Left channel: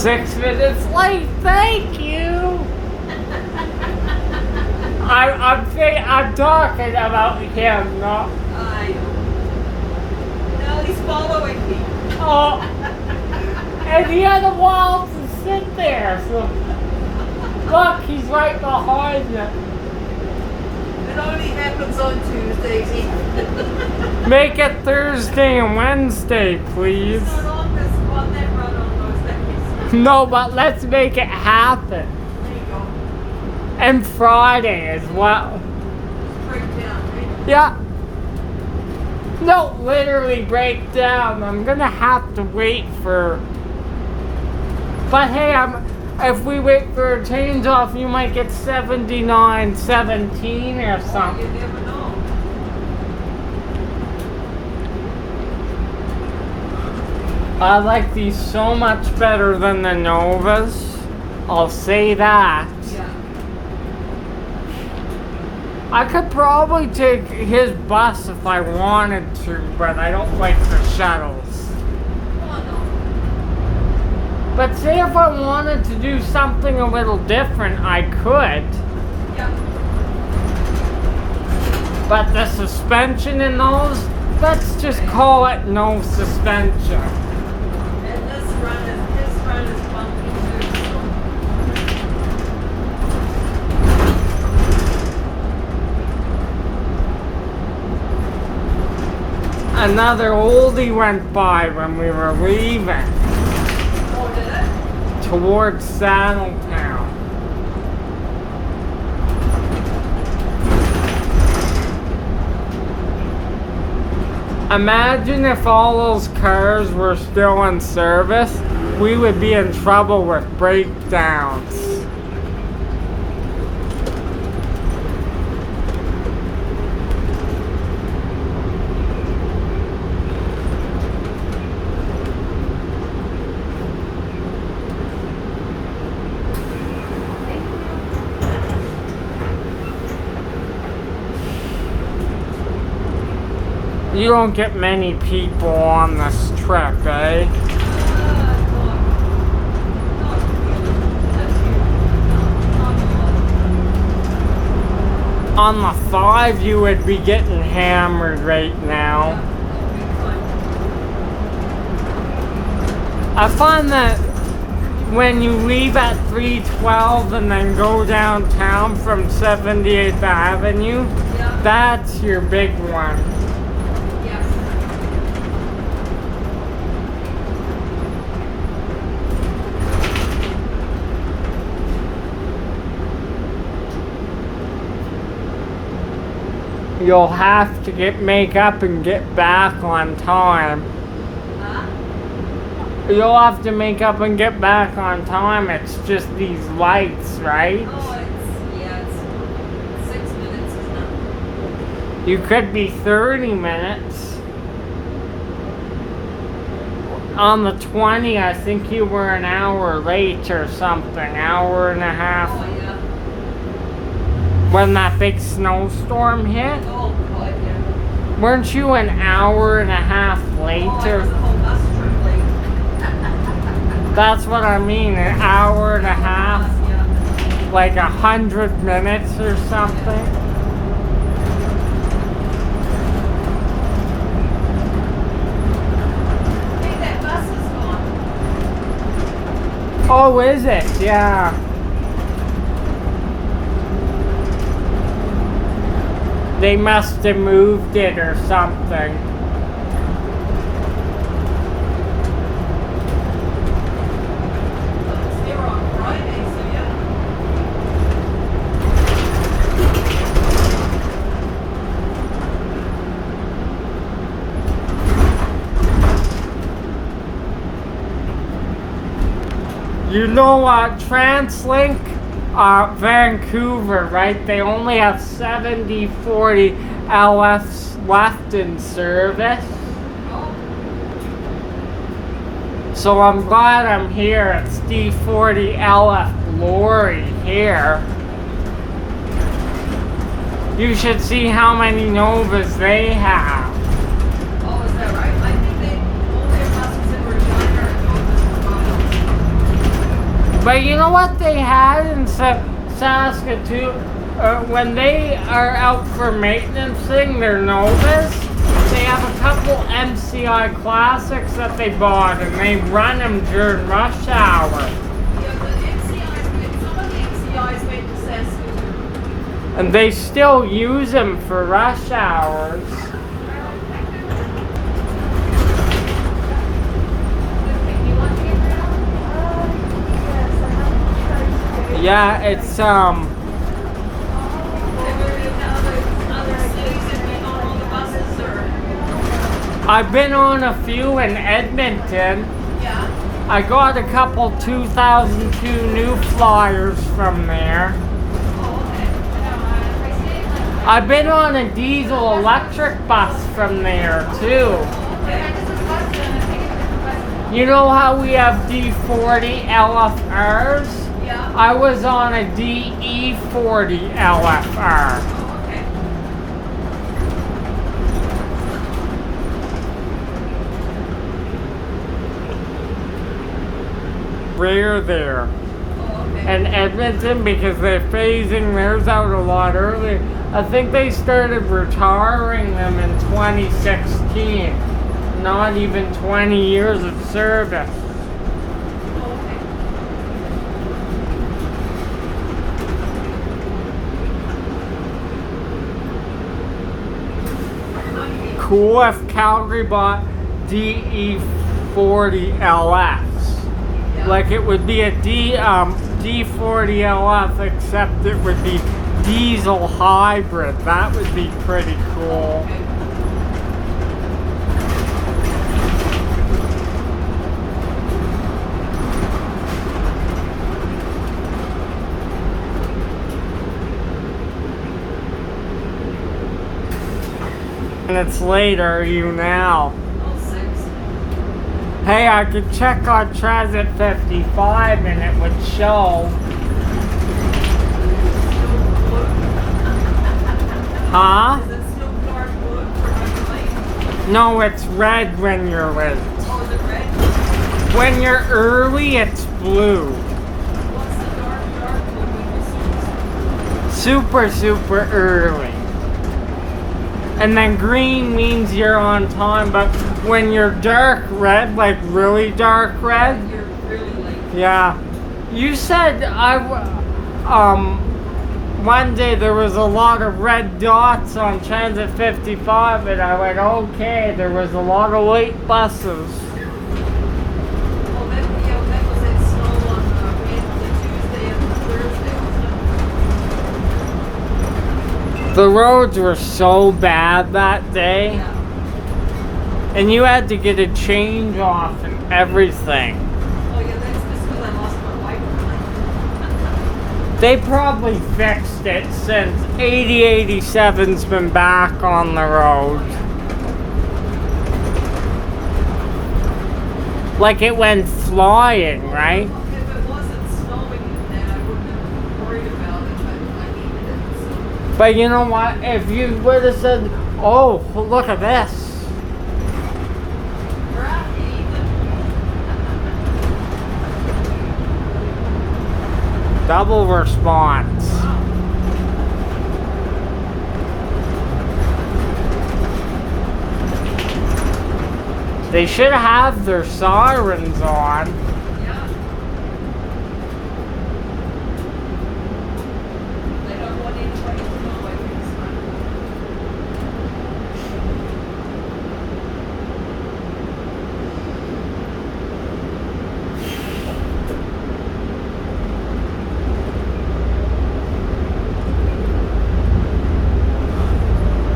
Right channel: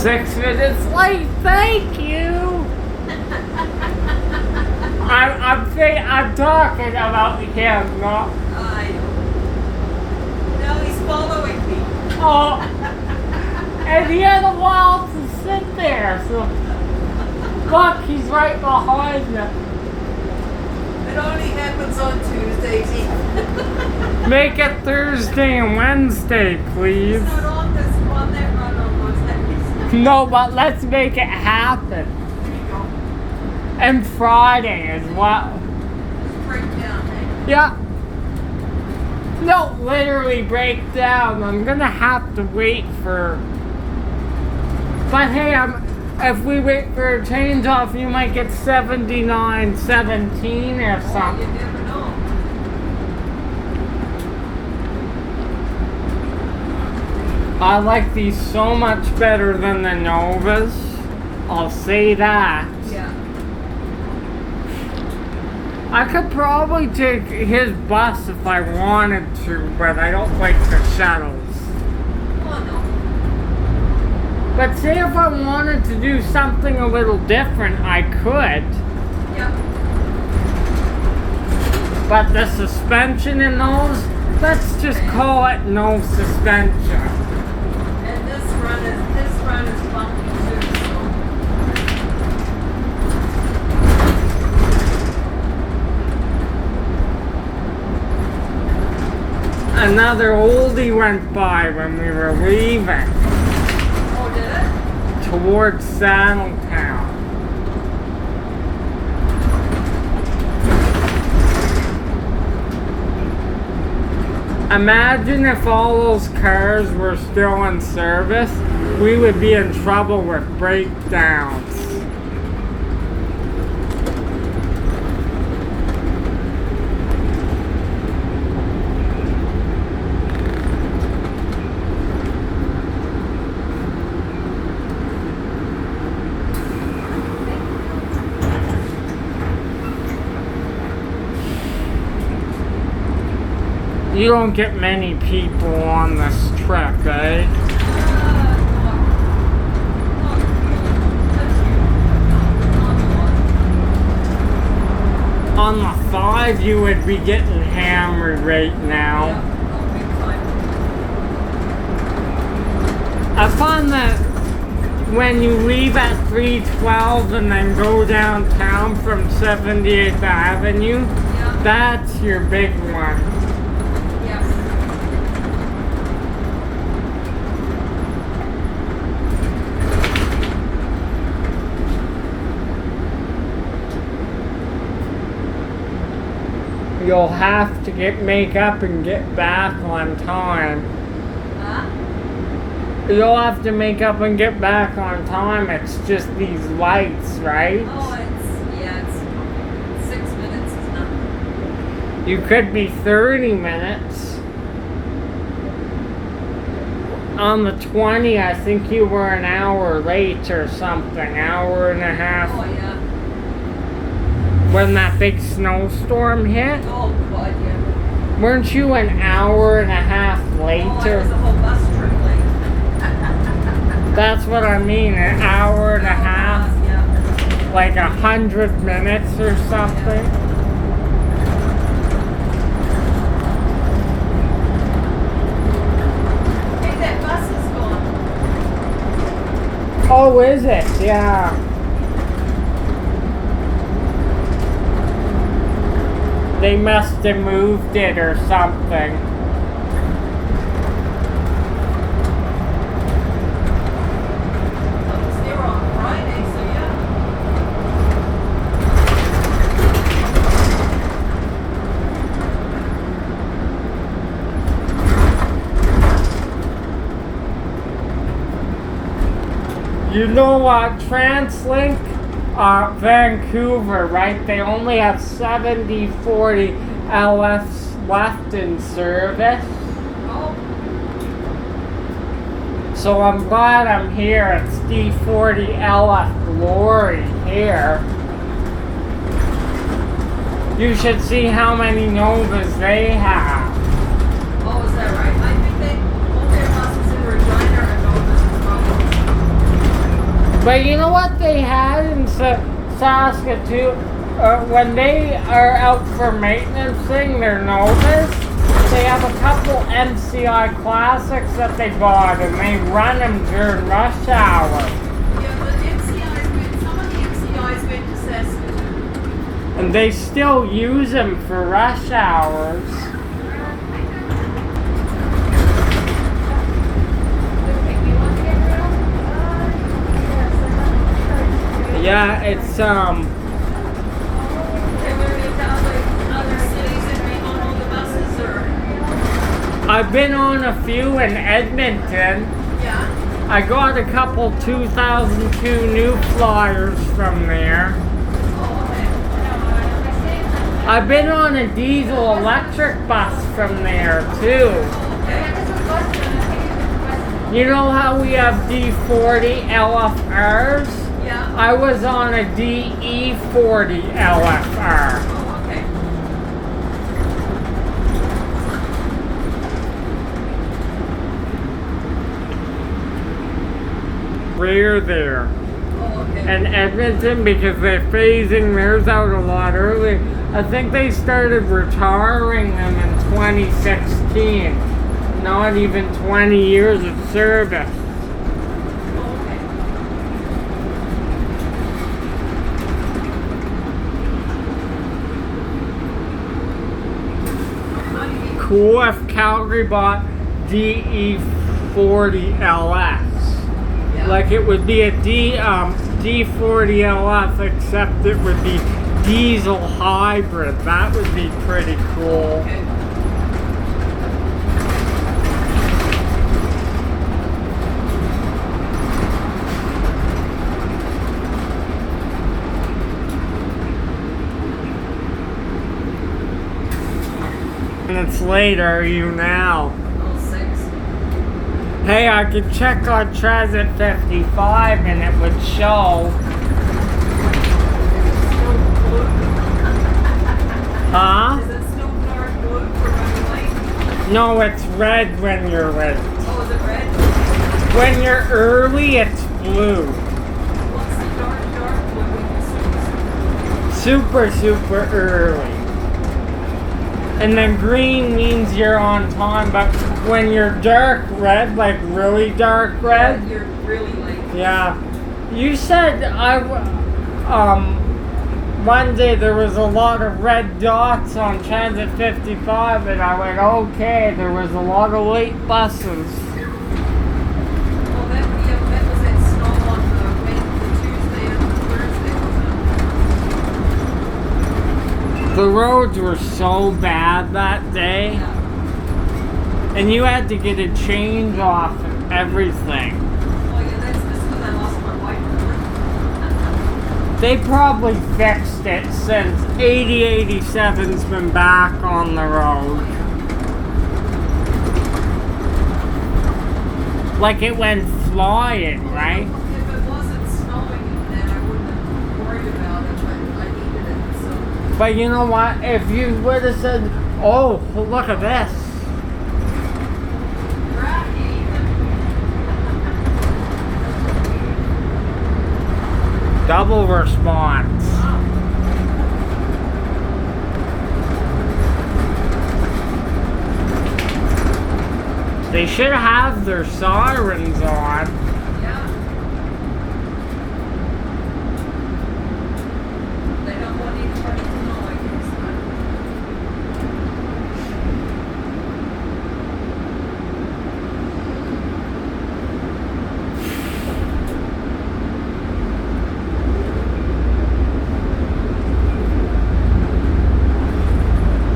6 minutes late, thank you! I'm talking about him, not... No, he's following me. Oh, and he had a while to sit there, so... Look, he's right behind you. It only happens on Tuesdays. Make it Thursday and Wednesday, please. It's not on this one, they run on those days. No, but let's make it happen. There you go. And Friday as well. Break down, eh? Yeah. No, literally break down. I'm gonna have to wait for... But hey, if we wait for a change off, you might get 79.17 or something. You never know. I like these so much better than the Novas. I'll say that. Yeah. I could probably take his bus if I wanted to, but I don't like the shuttles. Oh, no. But say if I wanted to do something a little different, I could. Yeah. But the suspension in those, let's just call it no suspension. And this run is bumpy too, so. Another oldie went by when we were leaving Oh, did it? towards Saddletown. Imagine if all those cars were still in service, we would be in trouble with breakdowns. You don't get many people on this trip, eh? On the 5, you would be getting hammered right now. I find that when you leave at 312 and then go downtown from 78th Avenue, that's your big one. You'll have to make up and get back on time. You'll have to make up and get back on time. It's just these lights, right? Oh, it's 6 minutes is not. You could be 30 minutes. On the 20, I think you were an hour late or something. Hour and a half. Oh, yeah. When that big snowstorm hit. Oh, God, yeah. Weren't you an hour and a half later? Oh, the whole bus trip late. That's what I mean, an hour and a half. Yeah. Like 100 minutes or something. Hey, that bus is gone. Oh, is it? Yeah. They must have moved it or something. It's here on Friday, so yeah. You know TransLink? Vancouver, right? They only have 70/40 LFs left in service. Oh, So I'm glad I'm here. It's D40 LF Glory here. You should see how many Novas they have. oh, is that right? I think they, all their buses in Regina are Novas as well. But you know what they had in Saskatoon? When they are out for maintenance thing, their Novas, they have a couple MCI classics that they bought and they run them during rush hour. Yeah, but some of the MCIs went to Saskatoon. And they still use them for rush hours. Yeah, it's Other cities that bring on all the buses, or I've been on a few in Edmonton. yeah. I got a couple 2002 new Flyers from there. Oh, okay. I've been on a diesel electric bus from there too. You know how we have D40 LFRs? Yeah. I was on a DE40 LFR. Okay. Rare there. Oh, okay. And Edmonton, because they're phasing theirs out a lot early. I think they started retiring them in 2016. Not even 20 years of service. Oh, okay. Cool if Calgary bought DE40 LS. Yeah. Like it would be a D40 LF, except it would be diesel hybrid. That would be pretty cool. Okay. Minutes later, are you now? Oh, 6. Hey, I could check on Transit 55 and it would show. Huh? Is it still dark blue for when you're late? No, it's red when you're late. Oh, is it red? When you're early, it's blue. What's the dark blue when you're Super early. And then green means you're on time, but when you're dark red, like really dark red, You're really late. yeah. You said one day there was a lot of red dots on Transit 55, and I went, okay, there was a lot of late buses. Oh, that was that snow on Wednesday, Tuesday, and Thursday, wasn't The roads were so bad that day, it? Yeah. and you had to get a change off and everything. Oh, yeah, that's just because I lost my wife. They probably fixed it since 8087's been back on the road. Like it went flying, right? If it wasn't snowing, then I wouldn't have worried about it, but I needed it, so. But you know what? If you would have said, oh, look at this. Double response. They should have their sirens on. Yeah. They don't want anybody to know, I guess,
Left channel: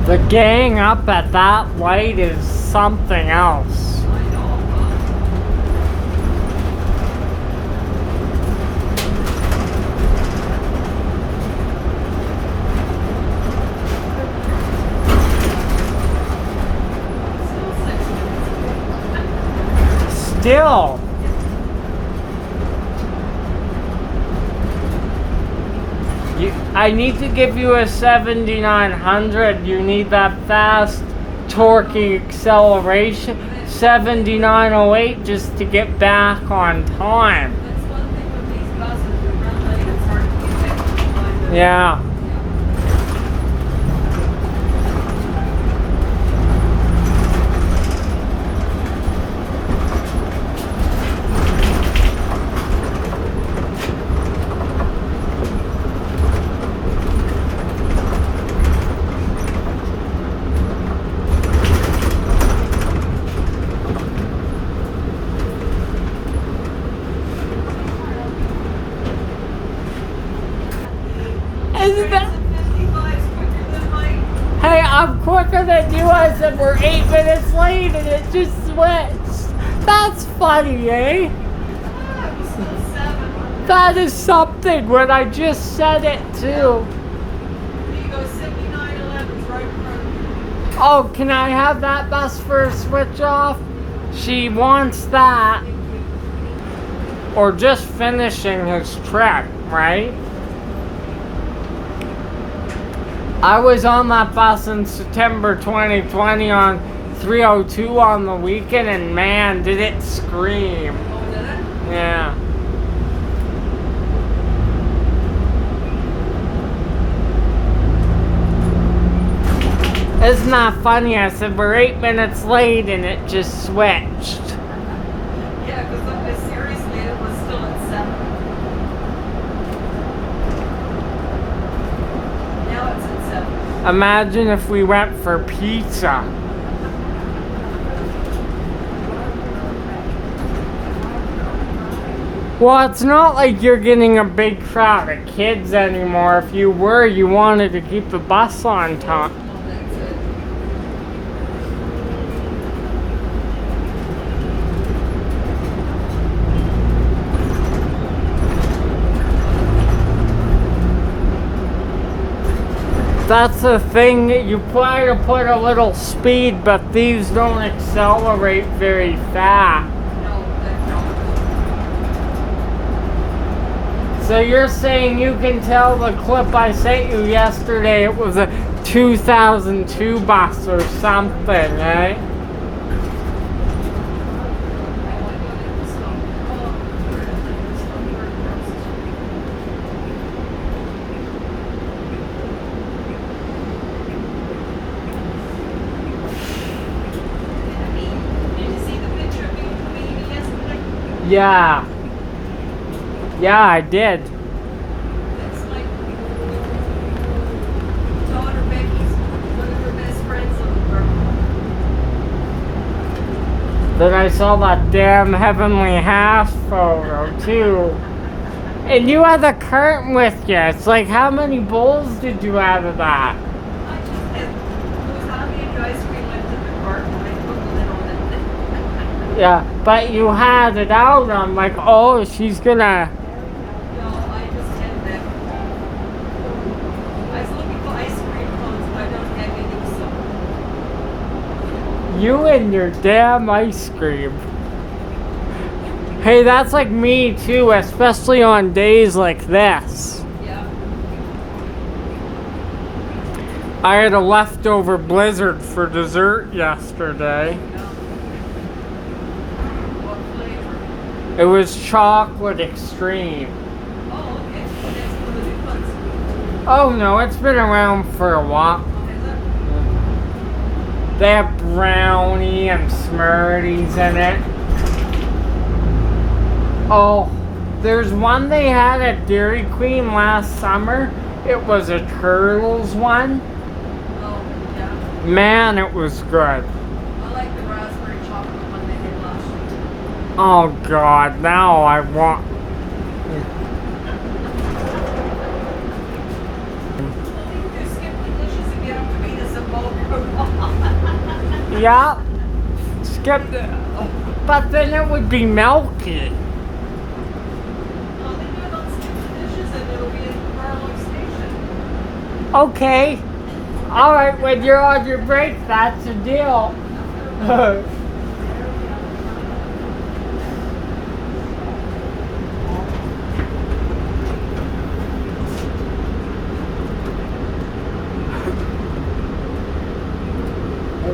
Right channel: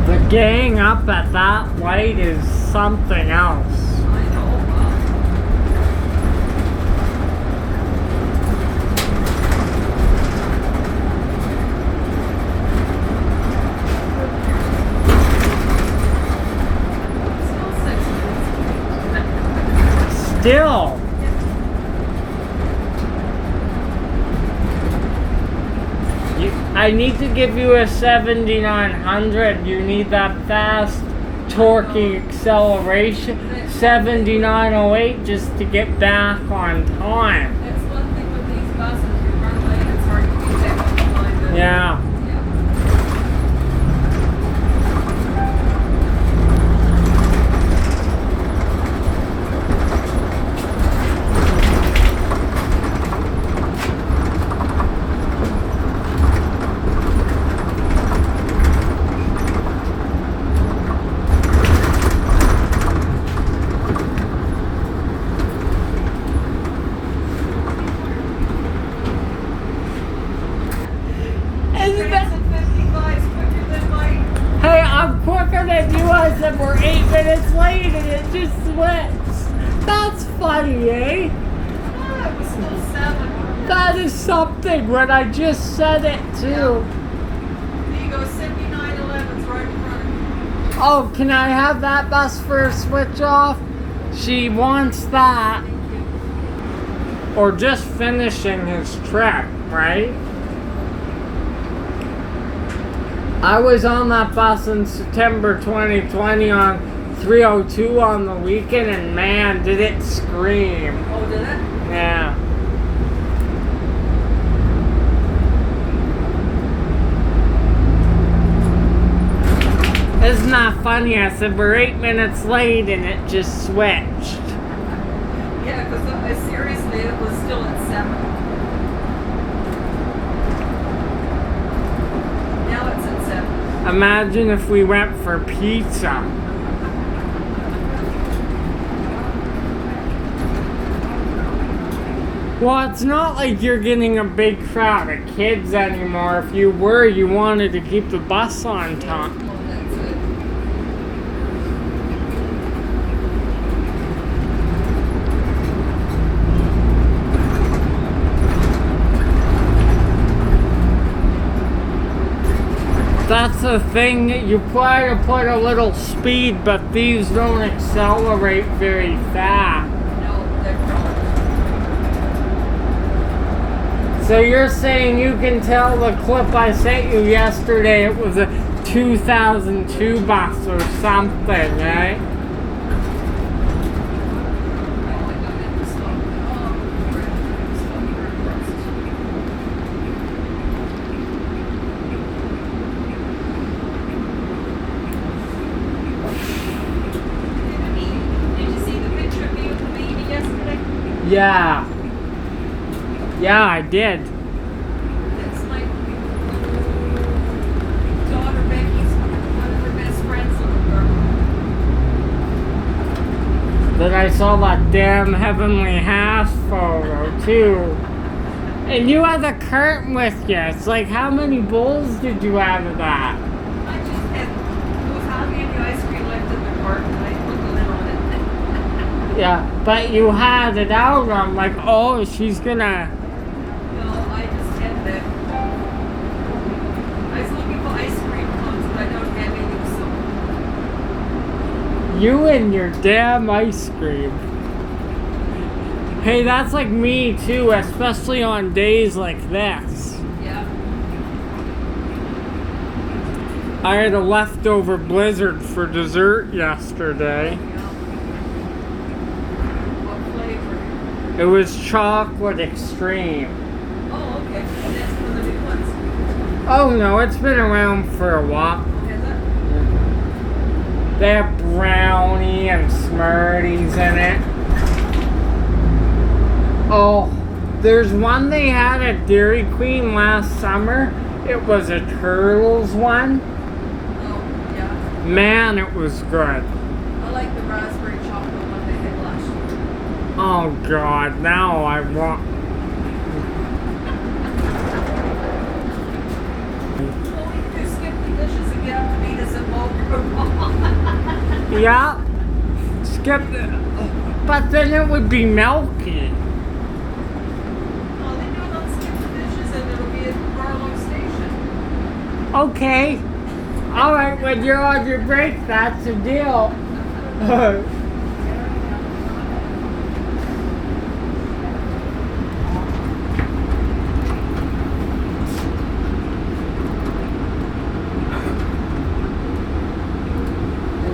The gang up at that light is something else. I know. Still. I need to give you a 7900. You need that fast torquey acceleration. 7908 just to get back on time. That's one thing with these buses, you run late, it's hard to keep up behind the. Yeah. Isn't that- Trains at 55's quicker than mine. Hey, I'm quicker than you. I said we're 8 minutes late and it just switched. That's funny, eh? Ah, it was still 7. That is something when I just said it too. There you go, 7911's right in front of you. Oh, can I have that bus for a switch off? She wants that. Or just finishing his trip, right? I was on that bus in September 2020 on 302 on the weekend, and man, did it scream. Oh, did it? Yeah. Isn't that funny? I said we're 8 minutes late and it just switched. Yeah, because seriously, it was still at 7. Now it's at 7. Imagine if we went for pizza. Well, it's not like you're getting a big crowd of kids anymore. If you were, you wanted to keep the bus on time. Well, that's it. That's the thing, you try to put a little speed, but these don't accelerate very fast. No, they don't. So you're saying you can tell the clip I sent you yesterday, it was a 2002 bus or something, right? Oh my God, it was so. Did you see the picture of me with the baby yesterday? Yeah. Yeah, I did. That's my daughter Becky's one of her best friends, little girl. Then I saw that damn Heavenly Half photo too. And you had the curtain with you. It's like, how many bowls did you have of that? I just had was having any ice cream left in the cart and I put the lid on it. Yeah, but you had it out. I'm like, oh, she's gonna. No, I just had them. I was looking for ice cream cones, but I don't have any, so. You and your damn ice cream. Hey, that's like me too, especially on days like this. Yeah. I had a leftover blizzard for dessert yesterday. What flavor? It was chocolate extreme. Oh, okay. Well, that's one of the new ones. Oh no, it's been around for a while. Is it? They have brownie and Smarties in it. Oh, there's one they had at Dairy Queen last summer. It was a Turtles one. Oh, yeah. Man, it was good. I like the raspberry chocolate one they had last year. Oh God, now I want. Well, we can do skip the dishes and get them to meet us at Boca. Yeah, skip the. But then it would be milky. Well, they do it on skip the dishes and it'll be at Garlow Station. Okay. Alright, when you're on your break, that's a deal.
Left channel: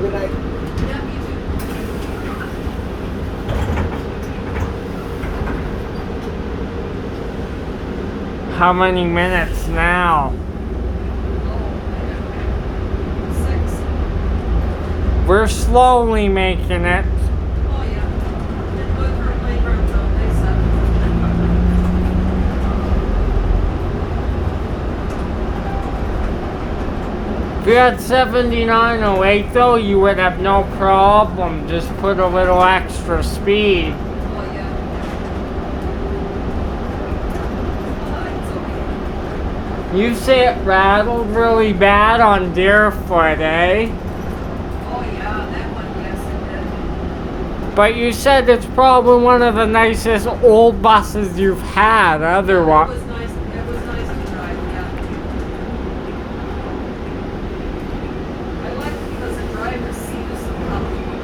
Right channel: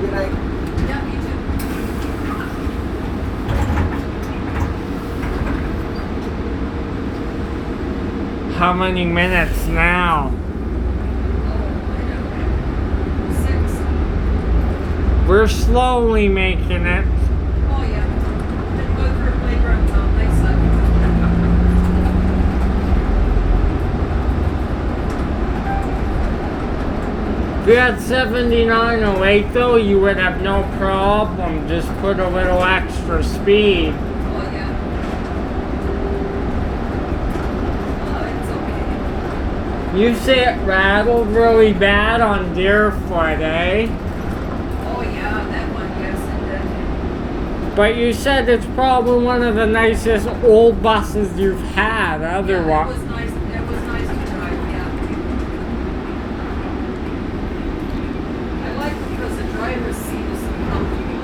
Good night. Yeah, me too. How many minutes now? Oh, 6. We're slowly making it. Oh yeah. Didn't go through a playground until they said. If you had 7908 though, you would have no problem. Just put a little extra speed. Oh yeah. It's okay. You say it rattled really bad on Deerfoot, eh? Oh yeah, that one, yes it did. But you said it's probably one of the nicest old buses you've had, It otherwise. was nice. It was nice to drive, yeah. I like it because the driver's seat is so comfortable.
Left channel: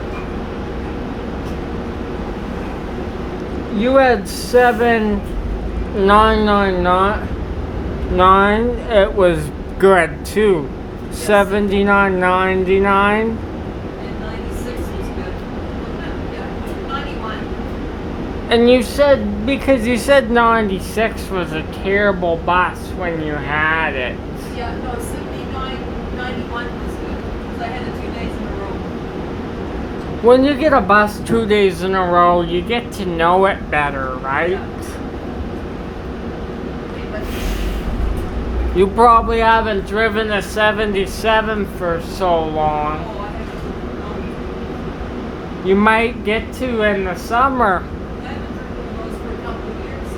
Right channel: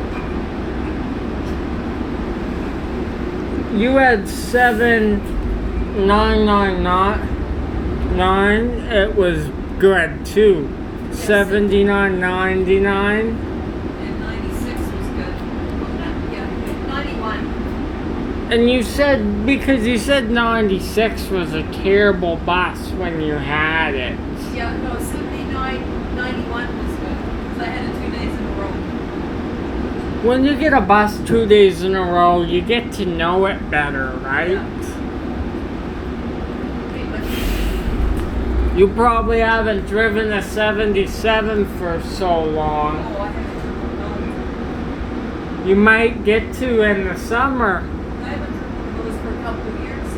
You had 7999. It was good too. 7999. And 96 was good. Yeah, 91. And you said, because you said 96 was a terrible bus when you had it. Yeah, no, 79, 91 was good. Because I had it 2 days in a row. When you get a bus 2 days in a row, you get to know it better, right? Yeah. Okay, but You probably haven't driven a 77 for so long. oh, I haven't. You might get to in the summer. I haven't driven those for a couple of years.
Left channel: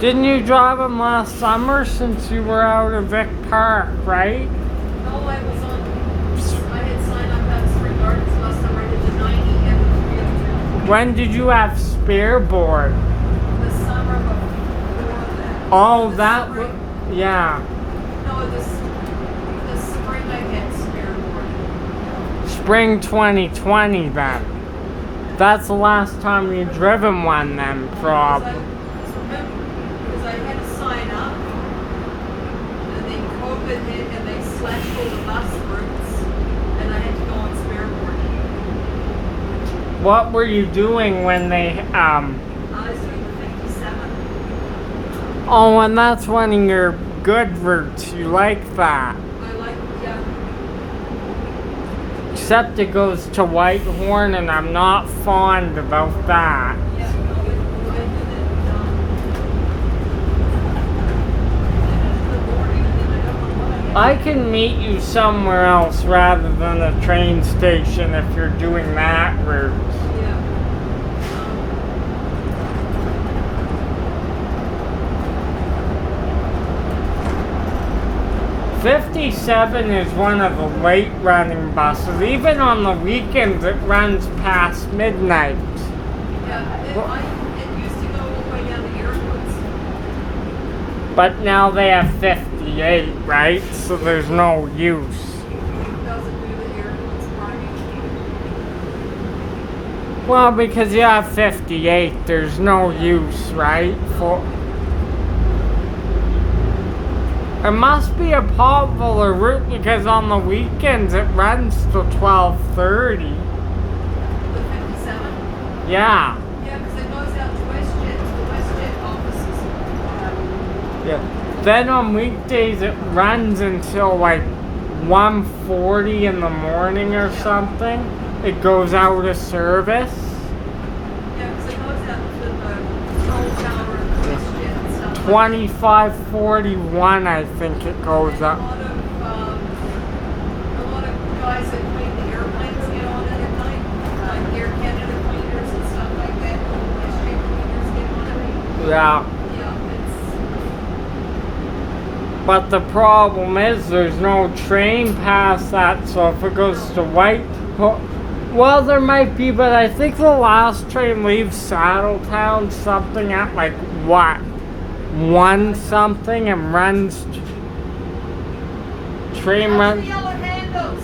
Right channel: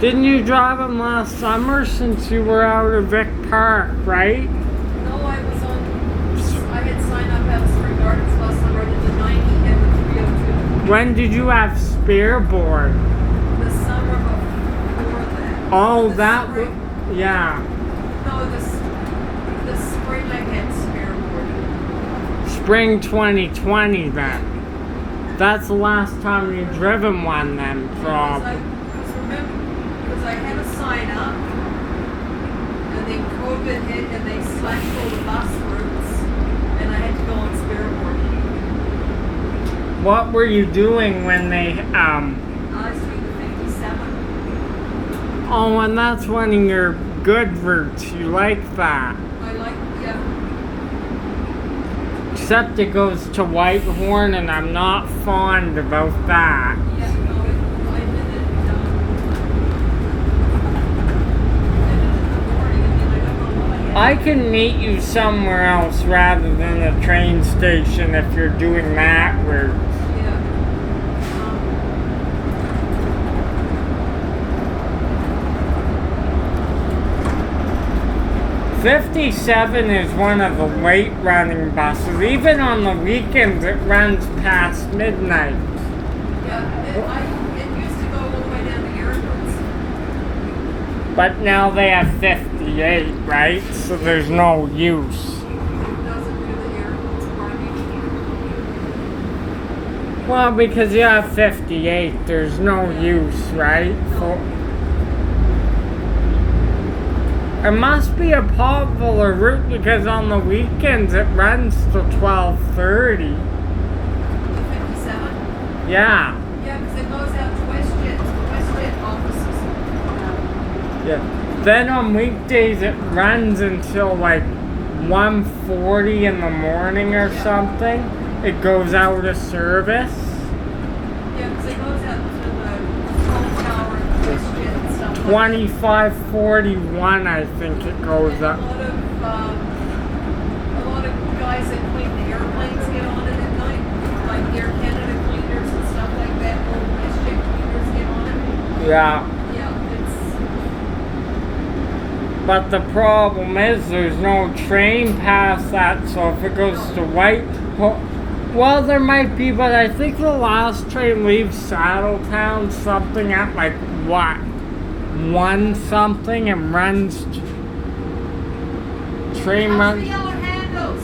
Didn't you drive them last summer since you were out of Vic Park, right? No, I was on. I had signed up at Spring Gardens last summer. I did the 90 and the 302. When did you have spare board? The summer before that. Oh, The that spring- was, yeah. No, the spring I had spare board. Spring 2020 then. That's the last time you driven one then, probably. Because I had to sign up, and then COVID hit, and they slashed all the bus routes, and I had to go on spare board. What were you doing when they, I was doing the 57. oh, and that's one of your good routes. You like that. I like, yeah, Except it goes to Whitehorn, and I'm not fond about that. yeah, no, I did it, I did it in the morning, and then I don't know what I had. I can meet you somewhere else rather than a train station if you're doing that route. Yeah. 57 is one of the late running buses. Even on the weekends, it runs past midnight. Yeah, it used to go all the way down to airports. But now they have 58, right? So there's no use. It doesn't do the airports party. Well, because you have 58, there's no use, right? It must be a popular route because on the weekends it runs till 12:30. The 57? Yeah. Yeah, because it goes out to WestJet offices. Yeah. Then on weekdays it runs until like 1:40 in the morning or something. It goes out of service. Yeah, because it goes out to the control tower and WestJet and stuff. 25:41, I think it goes And up. a lot of guys that clean the airplanes get on it at night, like Air Canada cleaners and stuff like that. Old WestJet cleaners get on it. Yeah. Yeah, it's But the problem is there's no train past that, so if it goes to well, there might be, but I think the last train leaves Saddletown something at like what? 1 something and runs train Watch the runs. yellow handles.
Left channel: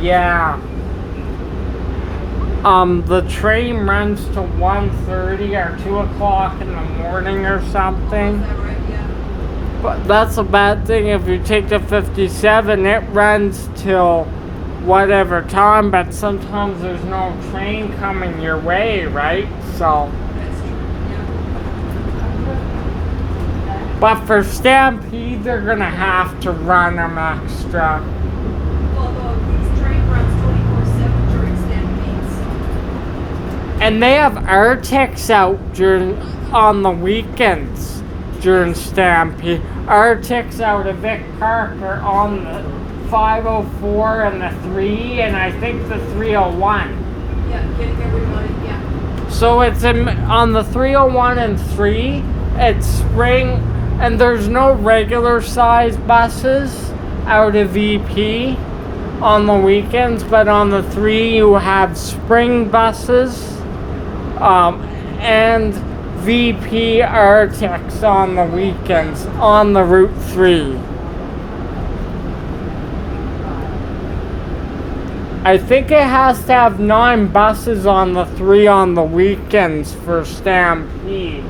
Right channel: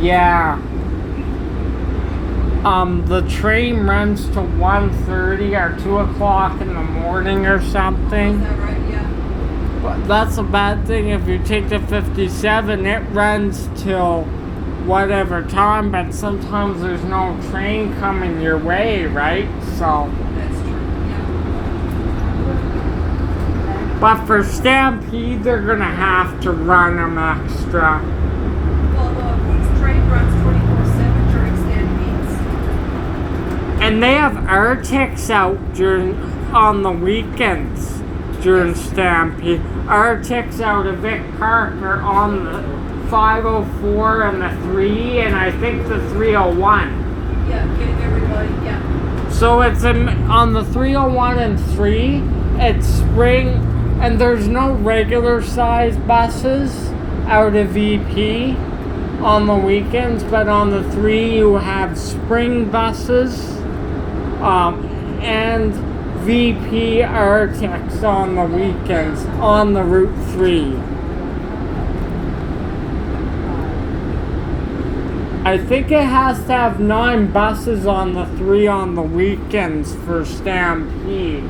Yeah. The train runs to 1:30 or 2 o'clock in the morning or something. Is that right? Yeah. But that's a bad thing if you take the 57, it runs till whatever time, but sometimes there's no train coming your way, right? So, That's true, yeah. but for Stampede, they're gonna have to run them extra. Well, this train runs 24/7 during Stampedes. And they have Arctics out on the weekends during Stampede. Arctics out of Vic Park are on the 504 and the 3, and I think the 301. Yeah, getting everybody, yeah. So it's on the 301 and 3, it's spring, and there's no regular size buses out of VP on the weekends, but on the 3 you have spring buses and VP Arctics on the weekends on the Route 3. I think it has to have 9 buses on the 3 on the weekends for Stampede.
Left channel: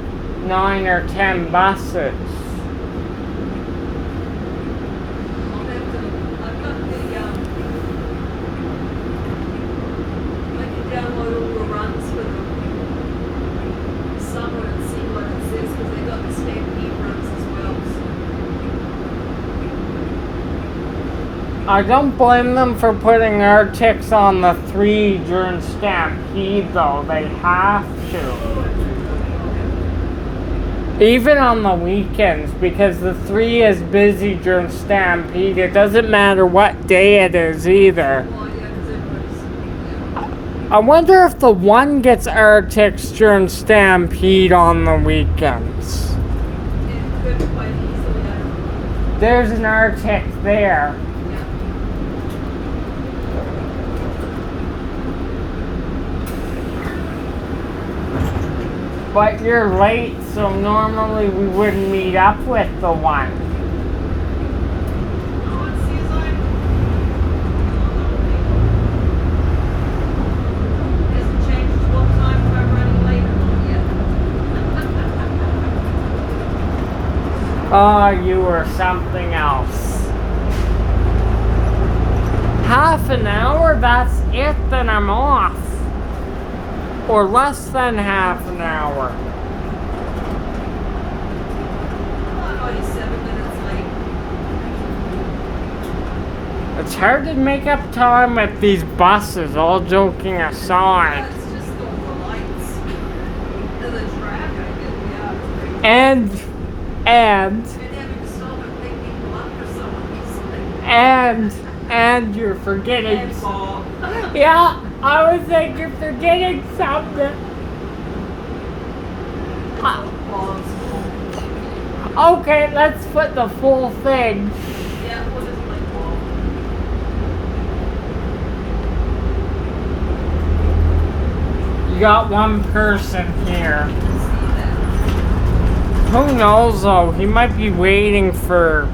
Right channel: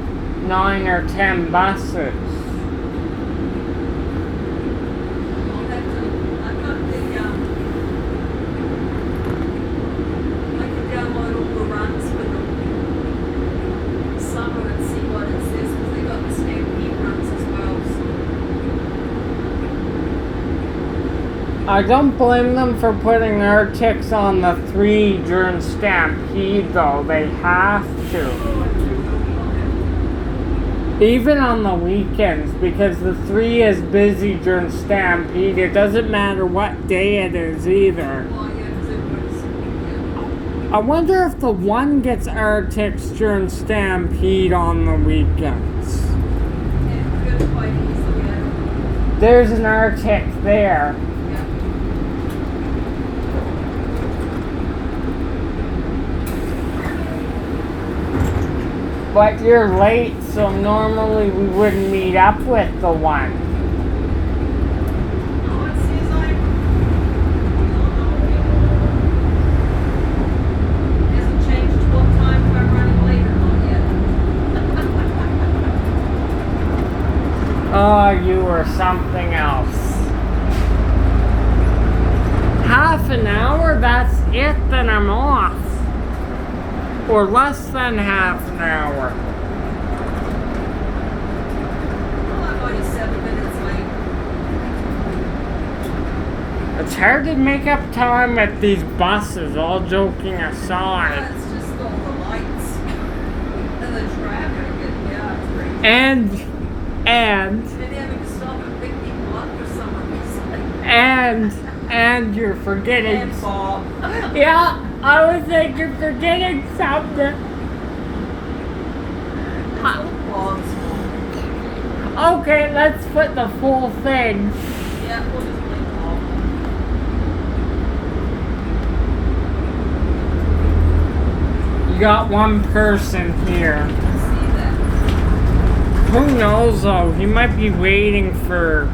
9 or 10 buses. I've got the, I can download all the runs for the summer and see what it says, because they got the Stampede runs as well, so. I don't blame them for putting Arctics on the 3 during Stampede, though. They have to. Even on the weekends, because the 3 is busy during Stampede. It doesn't matter what day it is either. Well, yeah, because everybody's, yeah. I wonder if the 1 gets Arctics during Stampede on the weekends. It could quite easily, I don't know. There's an Arctic there. Yeah. But you're late, so normally we wouldn't meet up with the 1. Oh, it seems like, it hasn't changed to what time if I'm running late or not yet. Oh, you were something else. Half an hour, that's it, then I'm off. Or less than half an hour. Oh, I'm only 7 minutes late. It's hard to make up time at these buses, all joking aside. It's just the lights and the traffic, and yeah, it's crazy. And And having to stop and pick people up for some reason. and you're forgetting. And Bob. Yeah, I was like, you're forgetting something. Bob's. Okay, let's put the full thing. Yeah, we'll just play Bob. You got one person here. See that. Who knows though? He might be waiting for.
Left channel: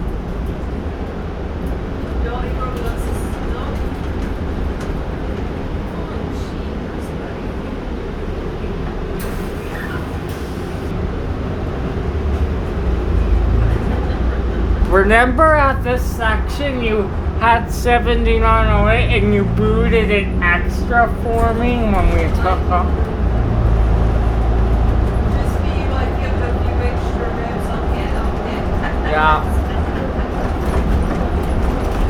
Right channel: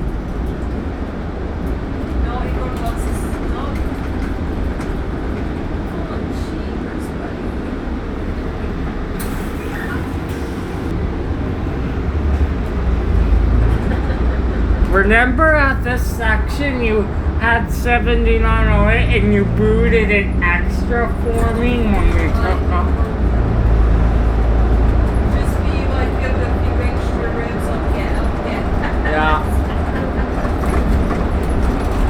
No, he wrote what's this? No. Oh, jeepers, buddy. Remember at this section you had 7908 and you booted it extra for me when we took off? Just be like, give it a few extra ribs on the end. Yeah.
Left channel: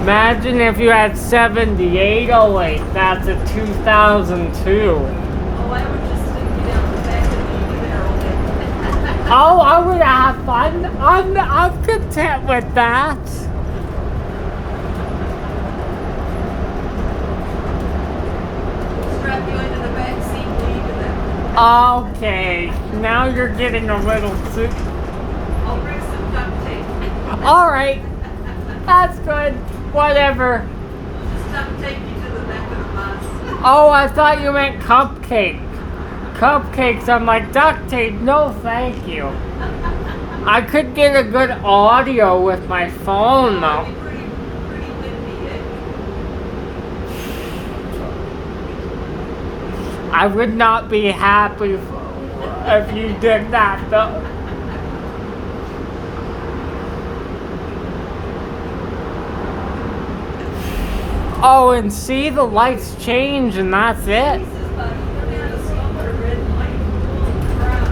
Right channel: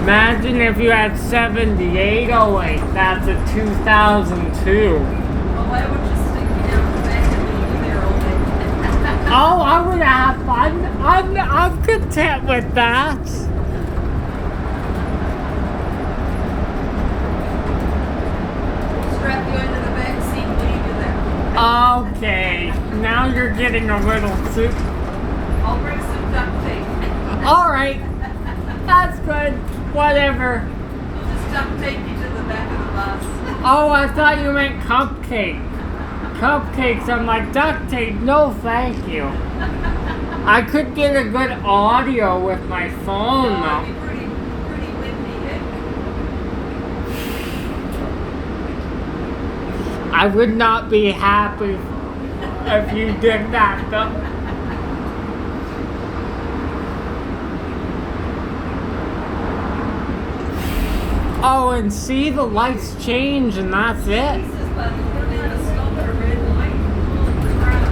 Imagine if you had 7808, that's a 2002. Well, I would just stick you down the back and leave you there all day. Oh, I would have fun. I'm content with that. Strap you into the back seat and leave you there. Okay, now you're getting a little too. I'll bring some duct tape. Alright, that's good. Whatever. I'll just duct tape you to the back of the bus. Oh, I thought you meant cupcake. Cupcakes, I'm like, duct tape, no thank you. I could get a good audio with my phone though. It'd be pretty windy, eh? I would not be happy if you did that though. Oh, and see, the lights change and that's it. Jesus, but then they had a stop at a red light. Holy crap.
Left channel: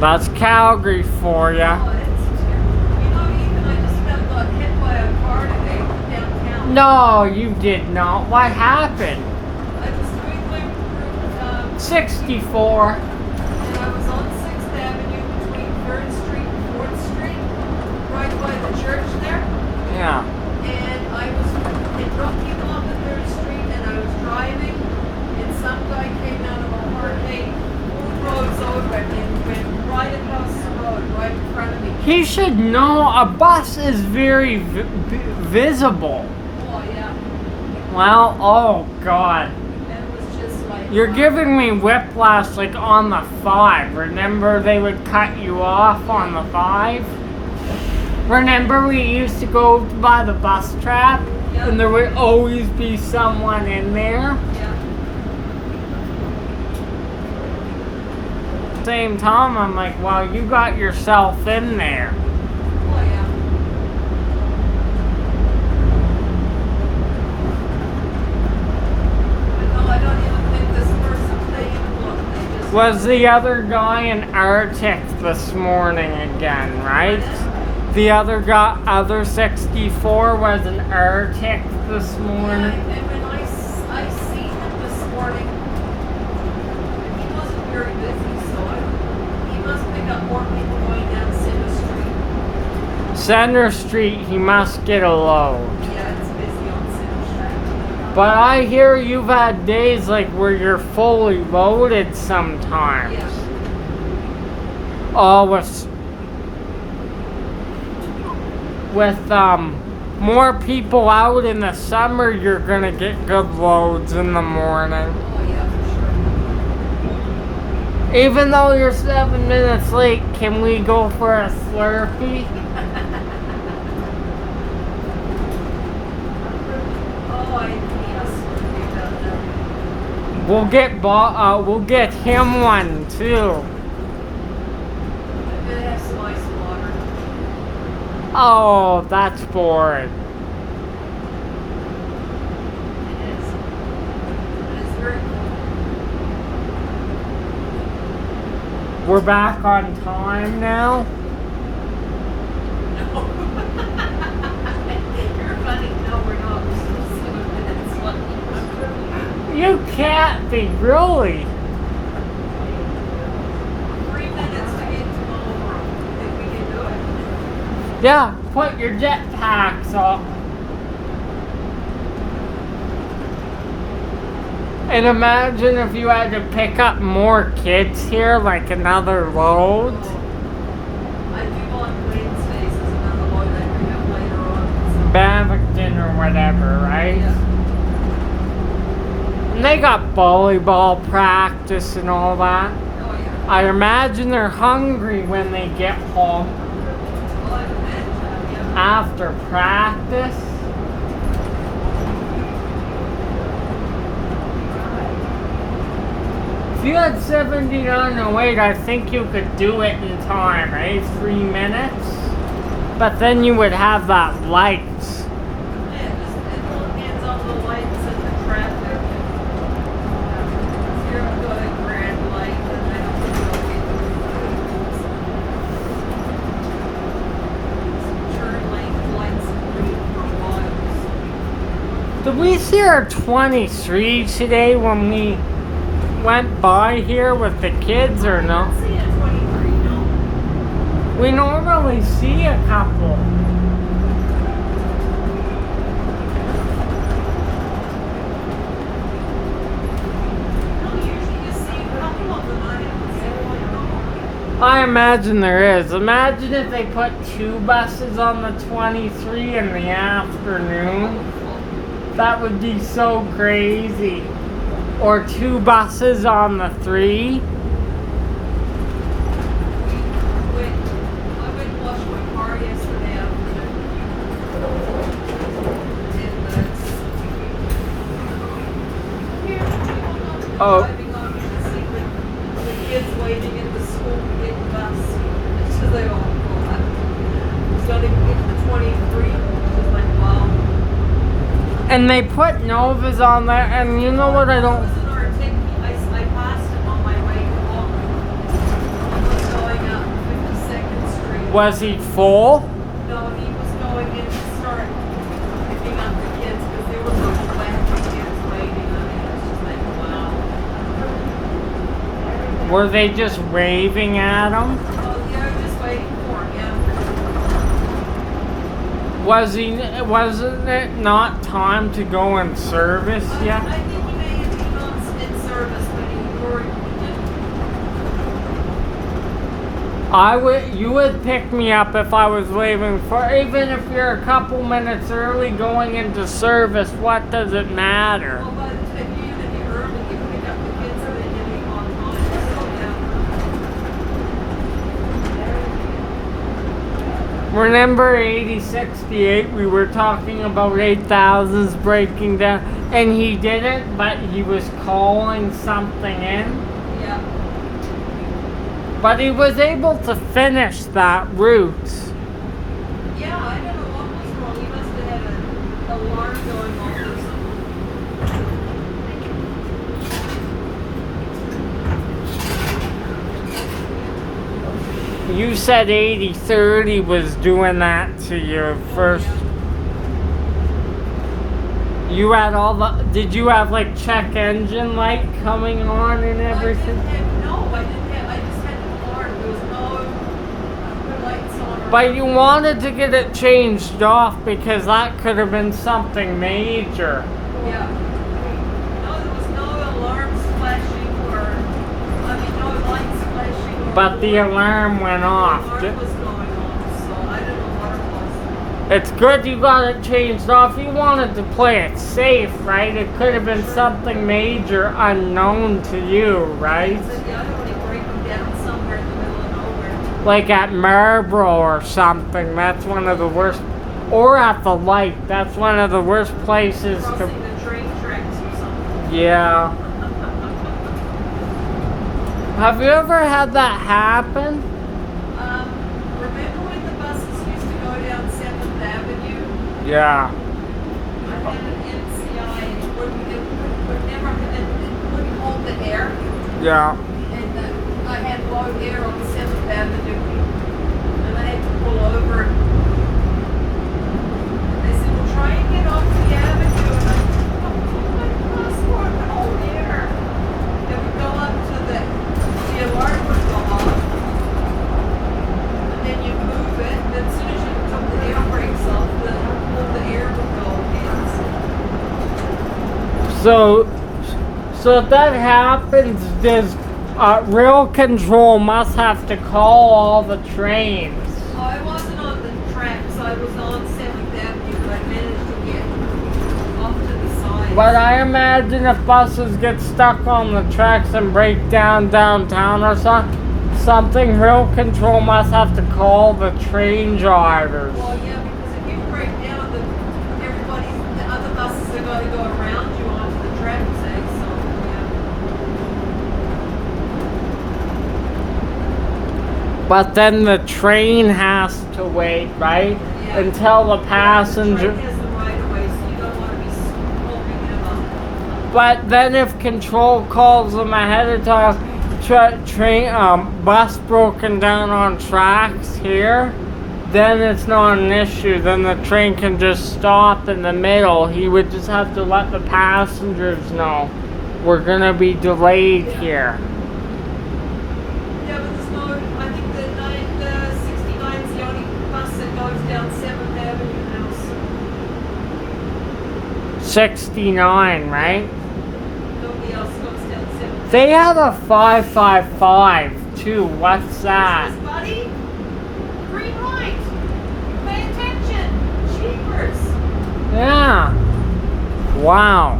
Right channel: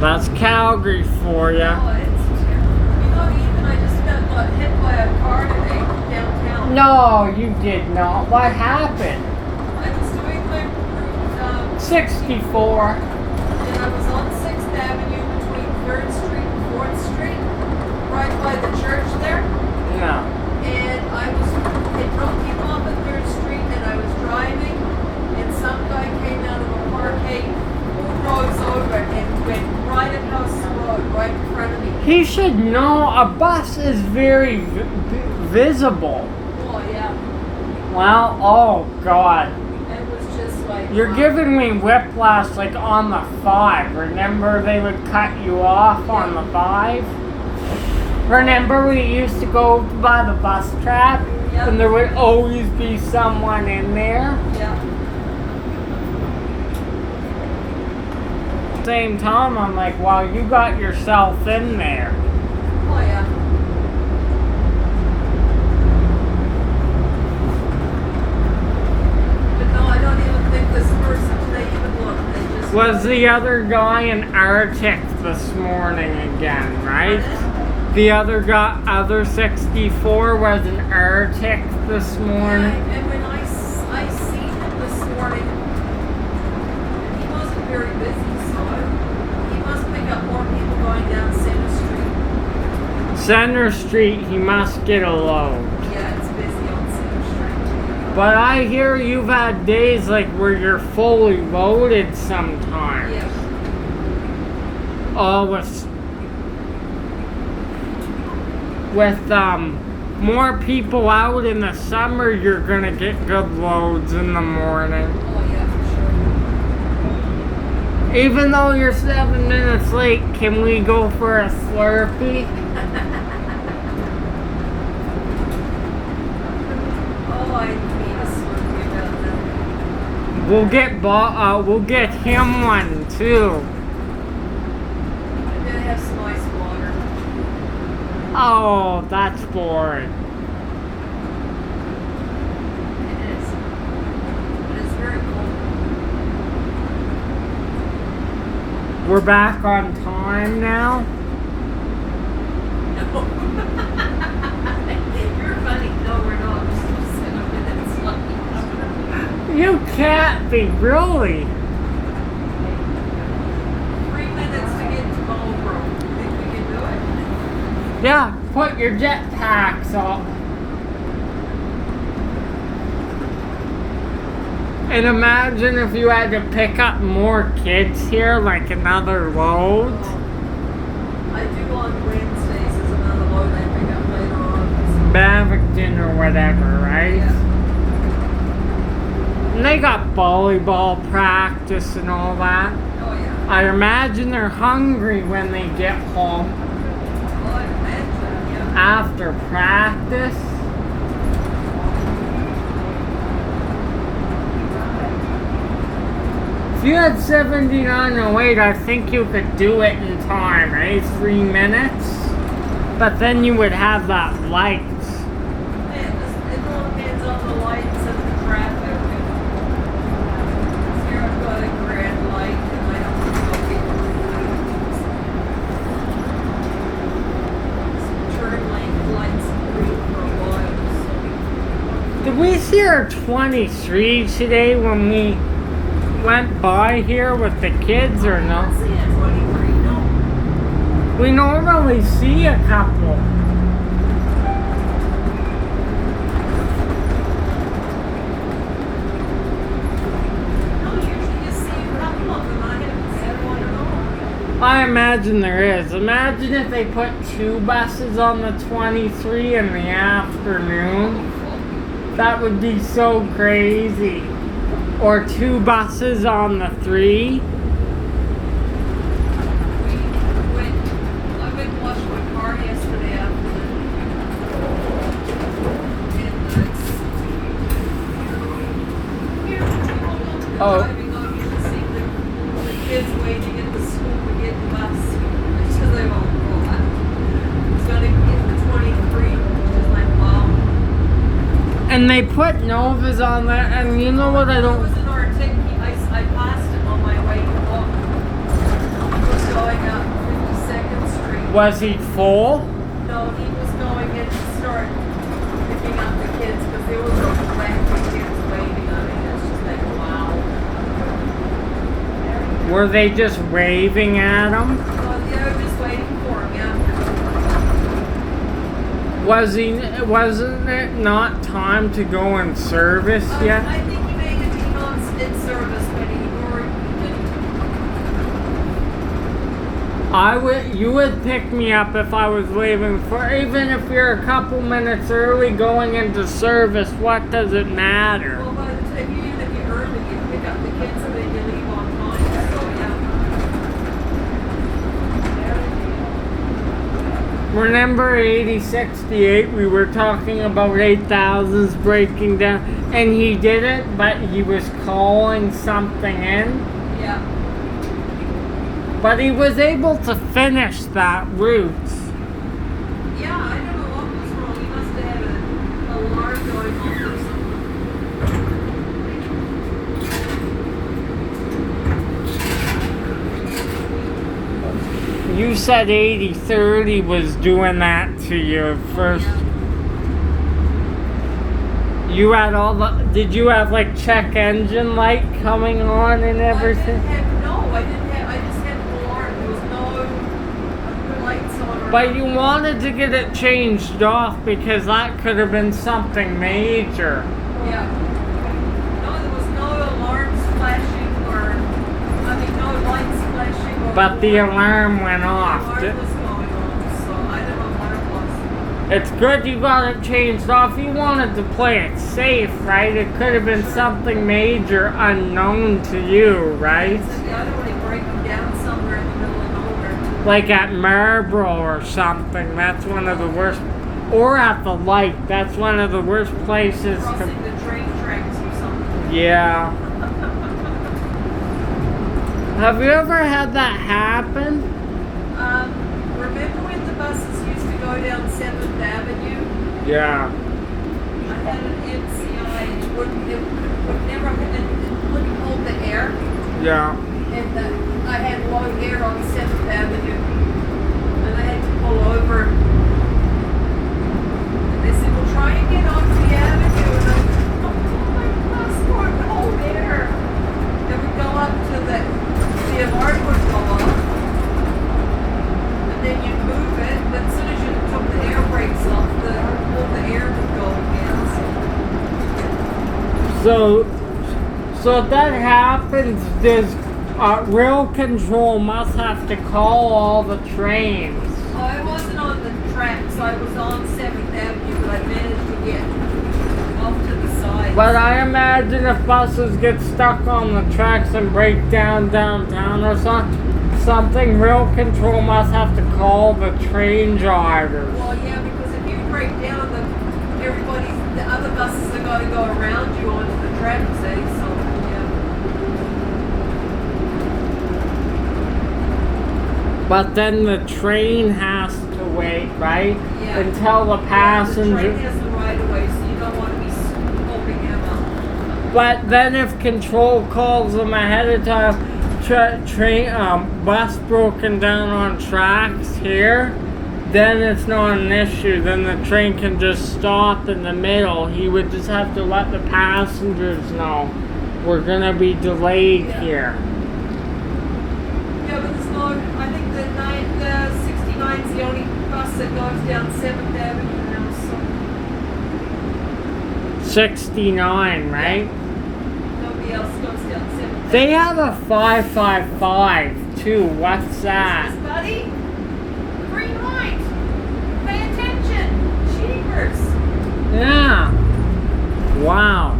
That's Calgary for ya. Oh, it's terrible. You know, even I just got hit by a car today downtown. No, you did not. What happened? I was doing my 64. and I was on 6th Avenue between 3rd Street and 4th Street, right by the church there. Yeah. And it broke him off at 3rd Street, and I was driving, and some guy came out of a parkade, roads over, and went right across the road, right in front of me. He should know a bus is very visible. Oh, yeah. Well, oh God. And it was just like... You're giving me whiplash like on the 5. Remember they would cut you off on the 5? Remember we used to go by the bus trap? Yeah. And there would always be someone in there? Yeah. Same time, I'm like, well, you got yourself in there. Oh, yeah. But no, I don't even think this person today even looked. They just... Was the other guy in Arctic this morning again, right? The other guy, other 64 was in Arctic this morning. Yeah, and when I seen him this morning, he wasn't very busy, so he must pick up more people going down Center Street. Center Street, he must get a load. Yeah, it's busy on Center Street. But I hear you've had days like where you're fully loaded sometimes. Yeah. Oh, with more people out in the summer, you're gonna get good loads in the morning. Oh, yeah, for sure. Even though you're 7 minutes late, can we go for a Slurpee? Oh, I need a Slurpee about that. We'll get him one too. I'm gonna have some ice water. Oh, that's boring. It is. But it's very cool. We're back on time now. No. You're funny. No, we're not. We're still 7 minutes late. You can't be, really. 3 minutes to get to Marlboro. Think we can do it? Yeah, put your jetpacks up. And imagine if you had to pick up more kids here, like another load. I do on Wednesdays as another load I pick up later on. Bavington or whatever, right? Yeah. And they got volleyball practice and all that. Oh, yeah. I imagine they're hungry when they get home Well, I imagine, yeah. after practice. If you had 7908, I think you could do it in time, right? 3 minutes. But then you would have that lights. Yeah, it all depends on the lights and the traffic. Here I've got a grand light and I don't think I'll be able to turn lane lights green for a while. Did we see our 23 today when we went by here with the kids or I no? don't see a 23, no. We normally see a couple. No, usually you see a couple of them. I haven't seen one at all. I imagine there is. Imagine if they put 2 buses on the 23 in the afternoon. That would be so crazy. Or 2 buses on the 3. Wait, I went and washed my car yesterday afternoon. And Oh. driving over to see the kids waiting at the school to get the bus. So they all go, I was gonna get the 23, which is like, wow. And they put Novas on there, and you know what I It don't... was in our ticket. I passed him on my way home. He was going up 52nd Street. Was he full? No, he was going in to start picking up the kids because there was a wacky kids waiting on it. It's just like, wow. Were they just waving at him? Well, they were just waiting for him, yeah. Wasn't it not time to go in service yet? I think he may have been on in service when You would pick me up if I was leaving for, even if you're a couple minutes early going into service, what does it matter? well, but if you early, you pick up the kids so they can leave on time. So, yeah. Remember 8068, we were talking about 8000s breaking down, and he didn't, but he was calling something in. Yeah. But he was able to finish that route. Yeah, I don't know what was wrong. He must have had an alarm going off or something. You said 8030 was doing that to you first. Yeah. You had all the... Did you have like check engine light coming on and everything? I didn't have, I just had an alarm. There was no lights on. But you wanted to get it changed off because that could have been something major. Yeah. No, there was no alarms flashing or, no lights flashing. Or But the alarm went the off. alarm was going on, so I don't know what it was. It's good you got it changed off. You wanted to play it safe, right? It could have been something major unknown to you, right? So the other one, you break them down somewhere in the middle of nowhere. Like at Maryvale or something. That's one of the worst. Or at the light. That's one of the worst places to... Crossing the train tracks or something. Yeah. Have you ever had that happen? Remember when the buses used to go down 7th Avenue? Yeah. I had an NCI, it wouldn't hold the air, Yeah. and I had low air on 7th Avenue, and I had to pull over. And they said, well, try and get off the avenue, and I said, oh, my passport would hold air. Then we go up to the alarm would go off, and then you move it, and as soon as you took the air brakes off, all the air would go again. So if that happens, does rail control must have to call all the trains? Oh, I wasn't on the tracks, I was on 7th Avenue, but I managed to get off to the side. But I imagine if buses get stuck on the tracks and break down downtown or something, rail control must have to call the train drivers. Well, yeah, because if you break down, the other buses are going to go around you onto the tracks, eh? So, yeah. But then the train has to wait, right? Yeah. Until the The passenger... train has the right of way, so you don't want to be hoping them up. But then if control calls them ahead of time, bus broken down on tracks here, then it's not an issue. Then the train can just stop in the middle. He would just have to let the passengers know we're gonna be delayed here. Yeah, but there's no, I think the 69 is the only bus that goes down 7th Avenue now, so 69, right? nobody else goes down 7th. They have a 555 too. What's that? Buddy, green light. Pay attention. Jeepers. Yeah. Wow.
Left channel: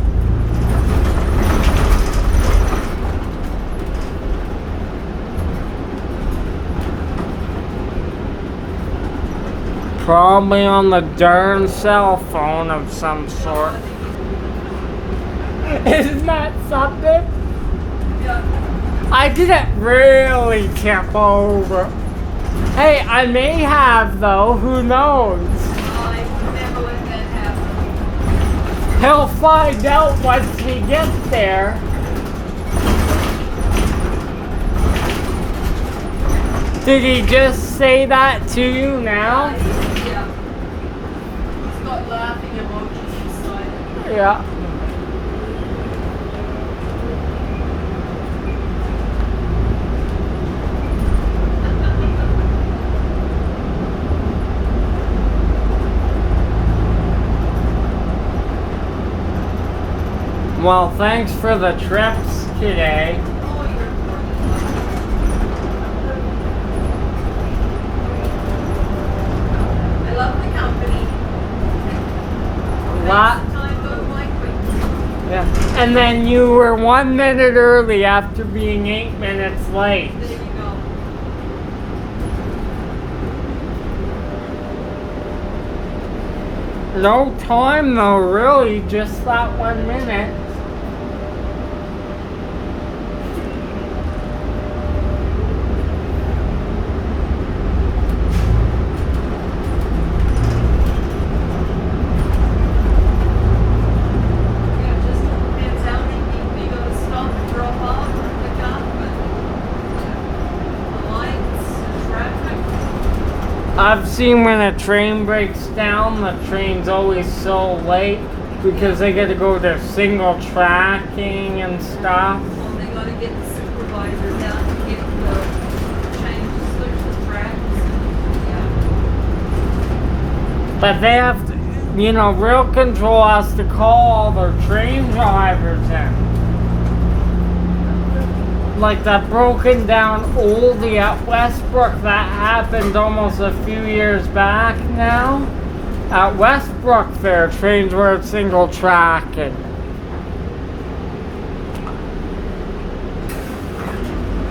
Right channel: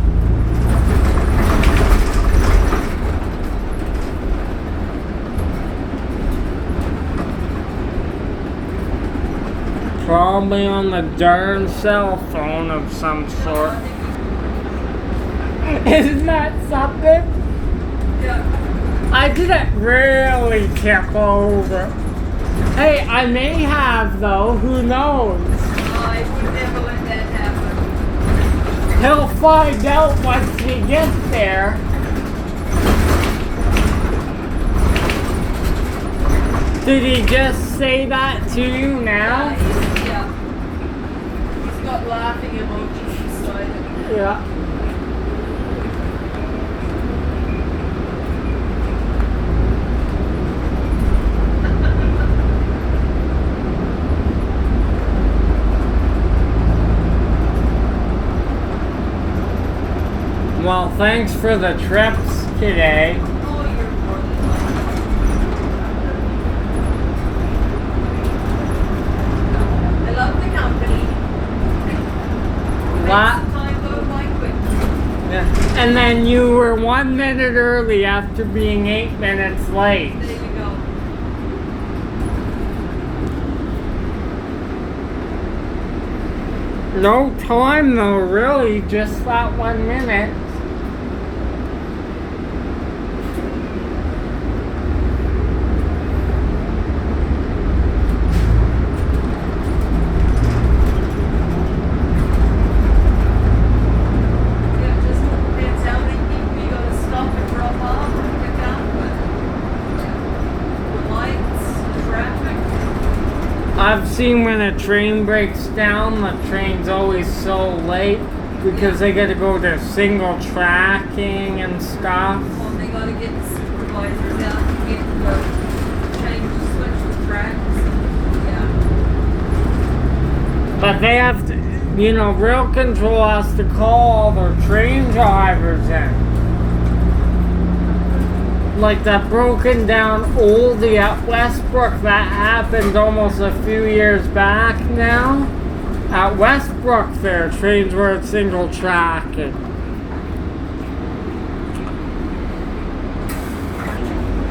Probably on the darn cell phone of some sort. Isn't that something? Yeah. I didn't really tip over. Hey, I may have though, who knows? I would never let that happen. find out once we get there. Did he just say that to you now? Yeah. He's got laughing emojis beside it. Yeah. Well, thanks for the trips today. Oh, you're welcome. I love the company. Lot. Makes the time go by quickly. Yeah. And then you were 1 minute early after being 8 minutes late. There you go. No time though, really, just that 1 minute. Yeah, just depends how many people you gotta stop and drop off and pick up. The lights, traffic. I've seen when a train breaks down, the train's always so late because they gotta go to single tracking and stuff. Well, they gotta get the supervisors out to get the change the switch the tracks. Yeah. But they have to, you know, Rail Control has to call all their train drivers in. Like that broken down oldie at Westbrook that happened almost a few years back now. At Westbrook their trains were at single tracking.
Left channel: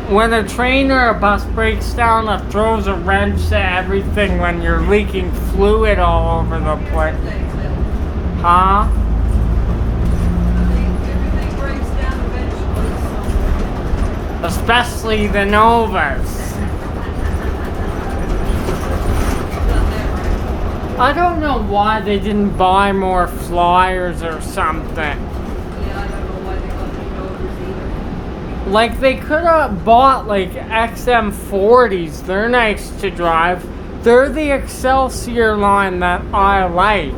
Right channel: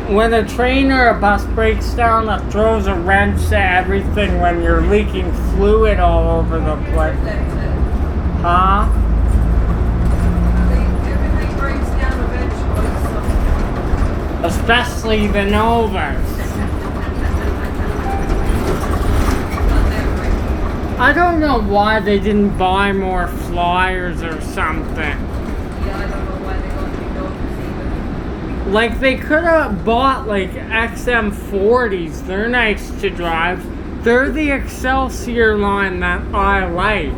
When a train or a bus breaks down, it throws a wrench to everything when you're leaking fluid all over the place. Huh? Everything breaks down eventually, so. Especially the Novas. I don't know why they didn't buy more Flyers or something. Yeah, I don't know why they got new Novas either. Like they could have bought like XM40s. They're nice to drive. They're the Excelsior line that I like.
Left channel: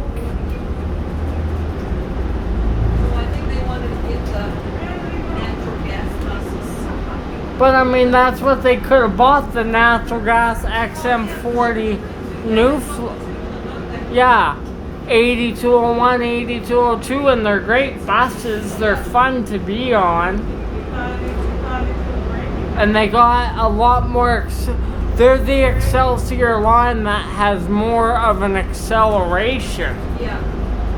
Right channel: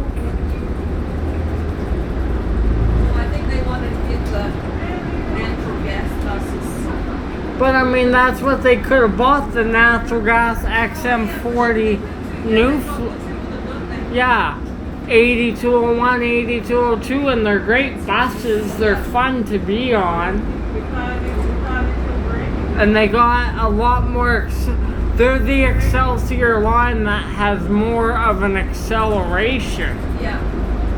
I think they wanted to get the natural gas buses. But I mean, that's what they could have bought, the natural gas XM40 yeah, 8201, 8202, and they're great buses. They're fun to be on. And they got a lot more, they're the Excelsior line that has more of an acceleration. Yeah.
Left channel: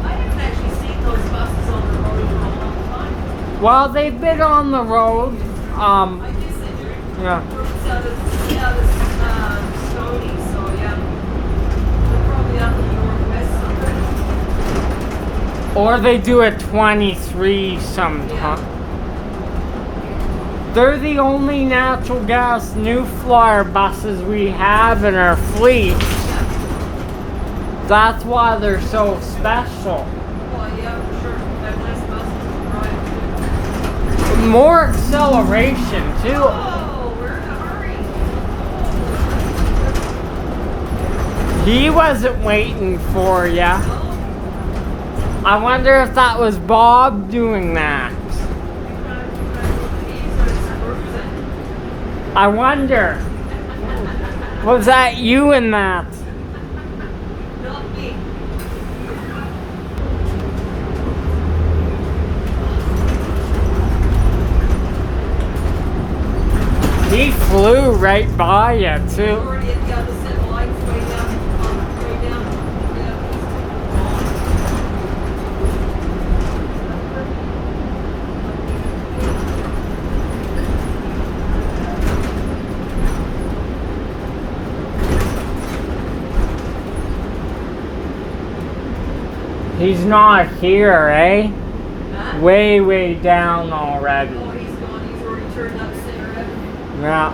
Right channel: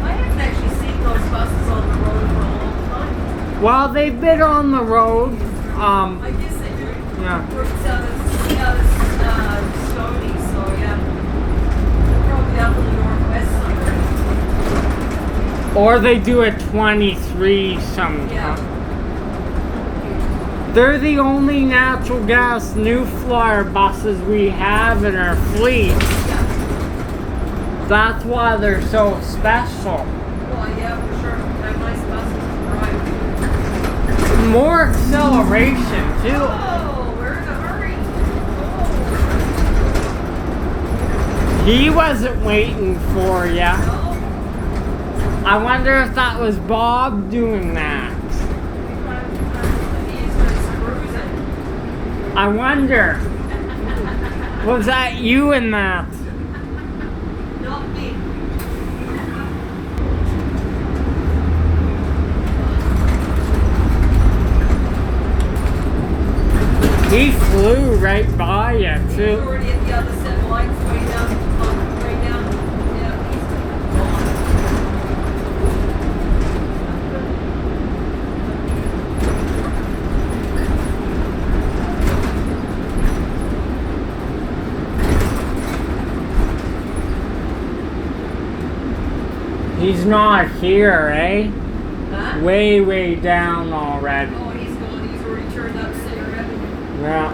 I haven't actually seen those buses on the road in a long time. Well, they've been on the road. I guess they do. Yeah. It's out of Stony, so yeah. Probably up in the northwest somewhere. Or they do a 23 sometimes. Yeah. They're the only natural gas new Flyer buses we have in our fleet. That's why they're so special. Oh, yeah, for sure. They're nice buses to drive. More acceleration too. Oh, we're in a hurry. He wasn't waiting for ya. No? I wonder if that was Bob doing that. He's cruising. I wonder. Was that you in that? Not me. He flew right by you too. Already at the other set of lights, way down. Yeah. He's not here, eh? Huh? Way down already. Oh, he's gone. He's already turned up cigarette. Yeah.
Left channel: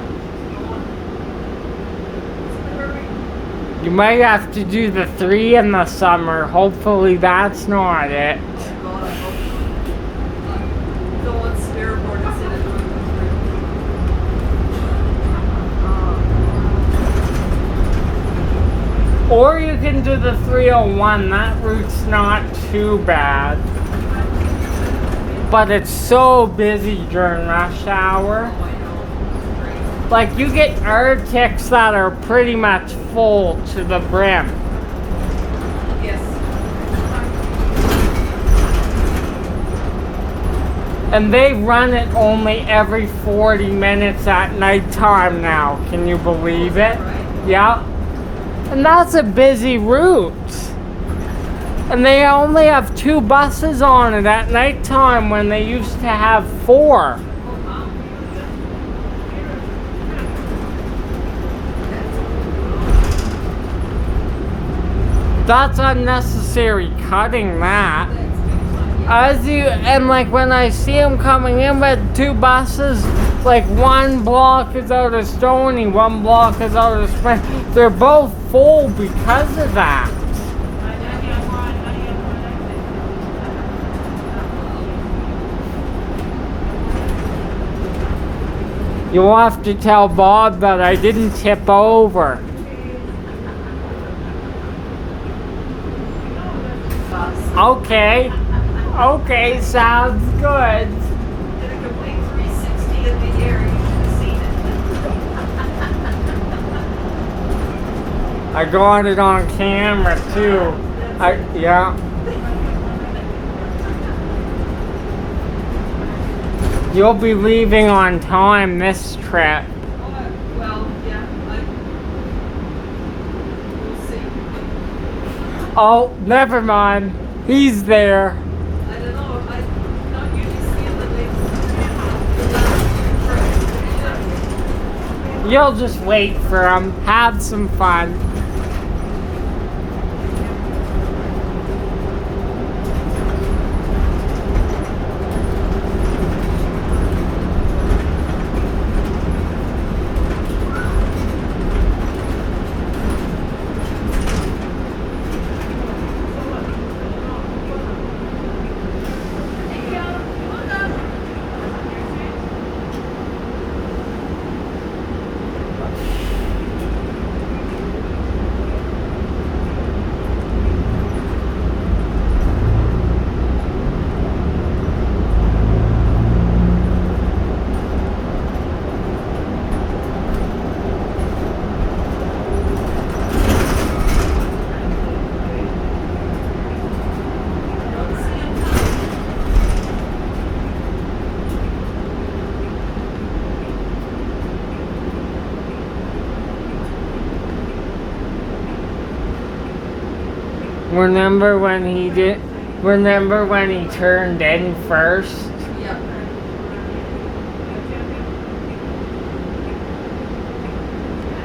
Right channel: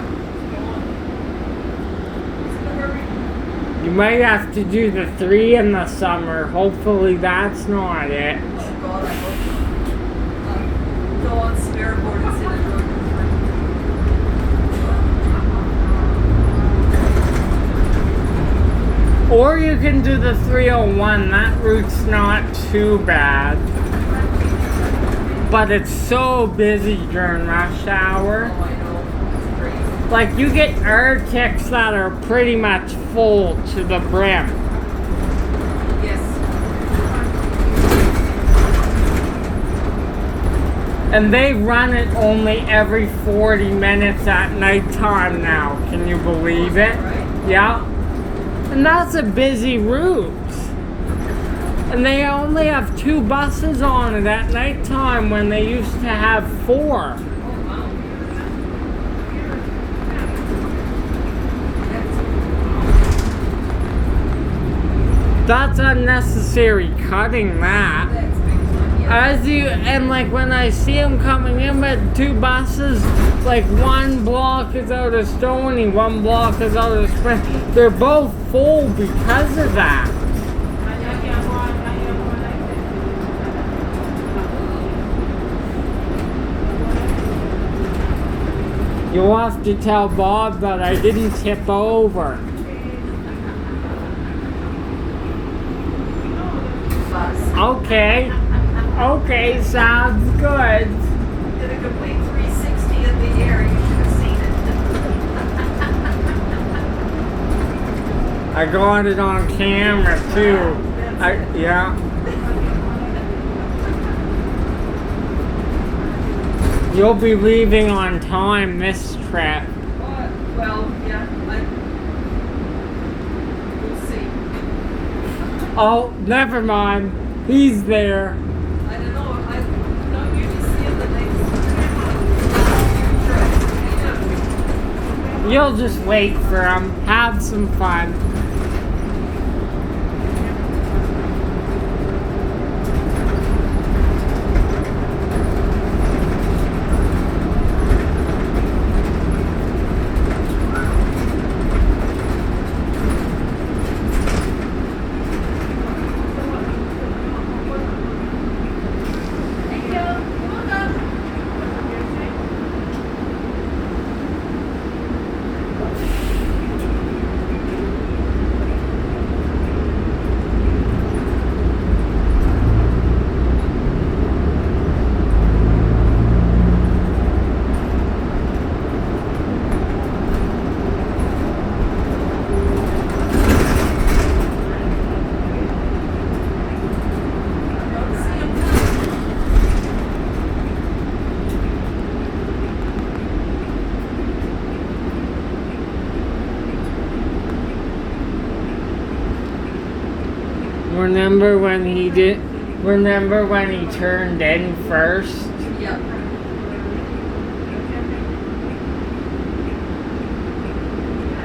He's in a hurry. You might have to do the 3 in the summer. Hopefully that's not it. Oh God, I hope Fairboard instead of Rutherford. Or you can do the 301. That route's not too bad. But it's so busy during rush hour. Oh, I know. It's crazy. Like, you get Arctics that are pretty much full to the brim. Yes. And they run it only every 40 minutes at nighttime now. Can you believe it? Right? Yeah. And that's a busy route. And they only have 2 buses on it at nighttime when they used to have 4. That's unnecessary cutting that. As you, and like when I see them coming in with 2 buses, like one block is out of Stony, one block is out of Spring. They're both full because of that. You'll have to tell Bob that I didn't tip over. Okay. Okay, sounds good. Did a complete 360 in the air. You should have seen it. I got it on camera too. Yeah. You'll be leaving on time this trip. Well, yeah, we'll see. Oh, never mind. He's there. I don't know. I don't usually see him the next. You'll just wait for him. Have some fun. Remember when he turned in first? Yeah. I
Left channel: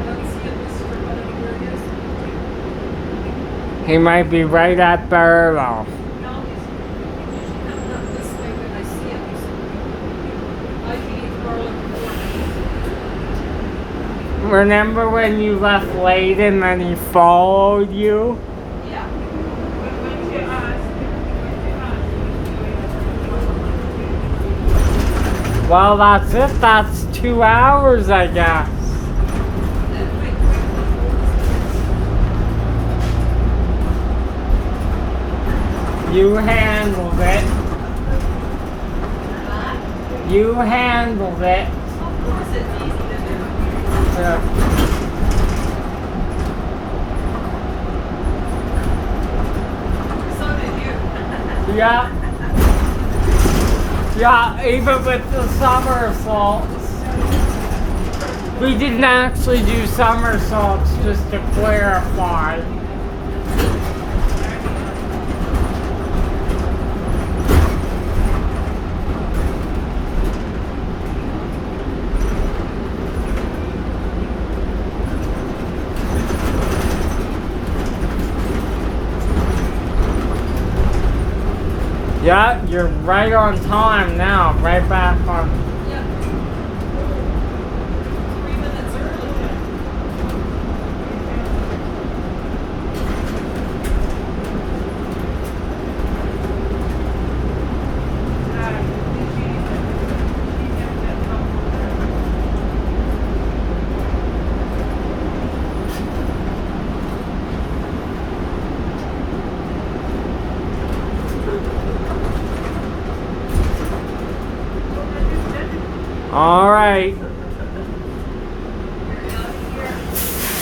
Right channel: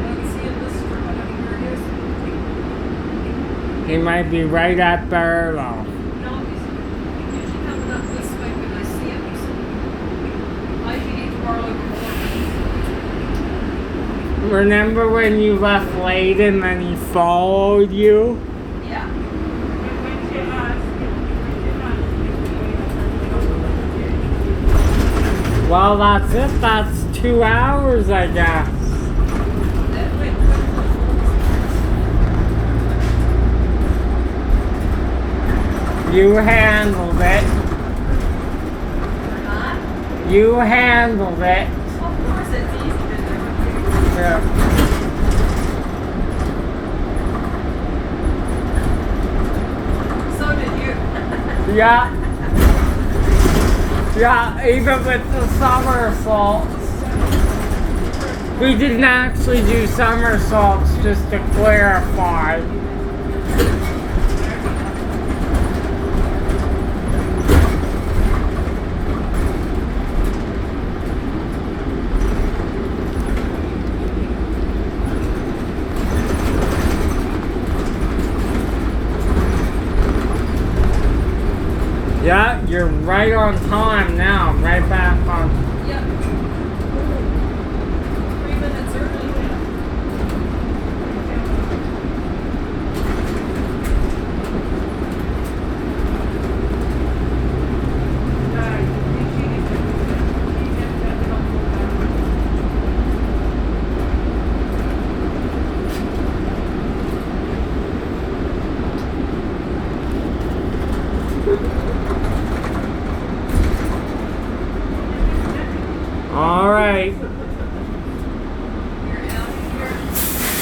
don't see him this for where it is. He might be right at Maryvale. No, he's usually coming up this way when I see him. I can eat tomorrow in the morning. Remember when you left late and then he followed you? Yeah. Well, that's it. That's 2 hours, I guess. You handled it. You handled it. Of course it's easy to do. Yeah. So did you. Yeah. Yeah, even with the somersaults. We didn't actually do somersaults, just to clarify. Yeah, you're right on time now. Right back on. Yeah. 3 minutes early now. All right.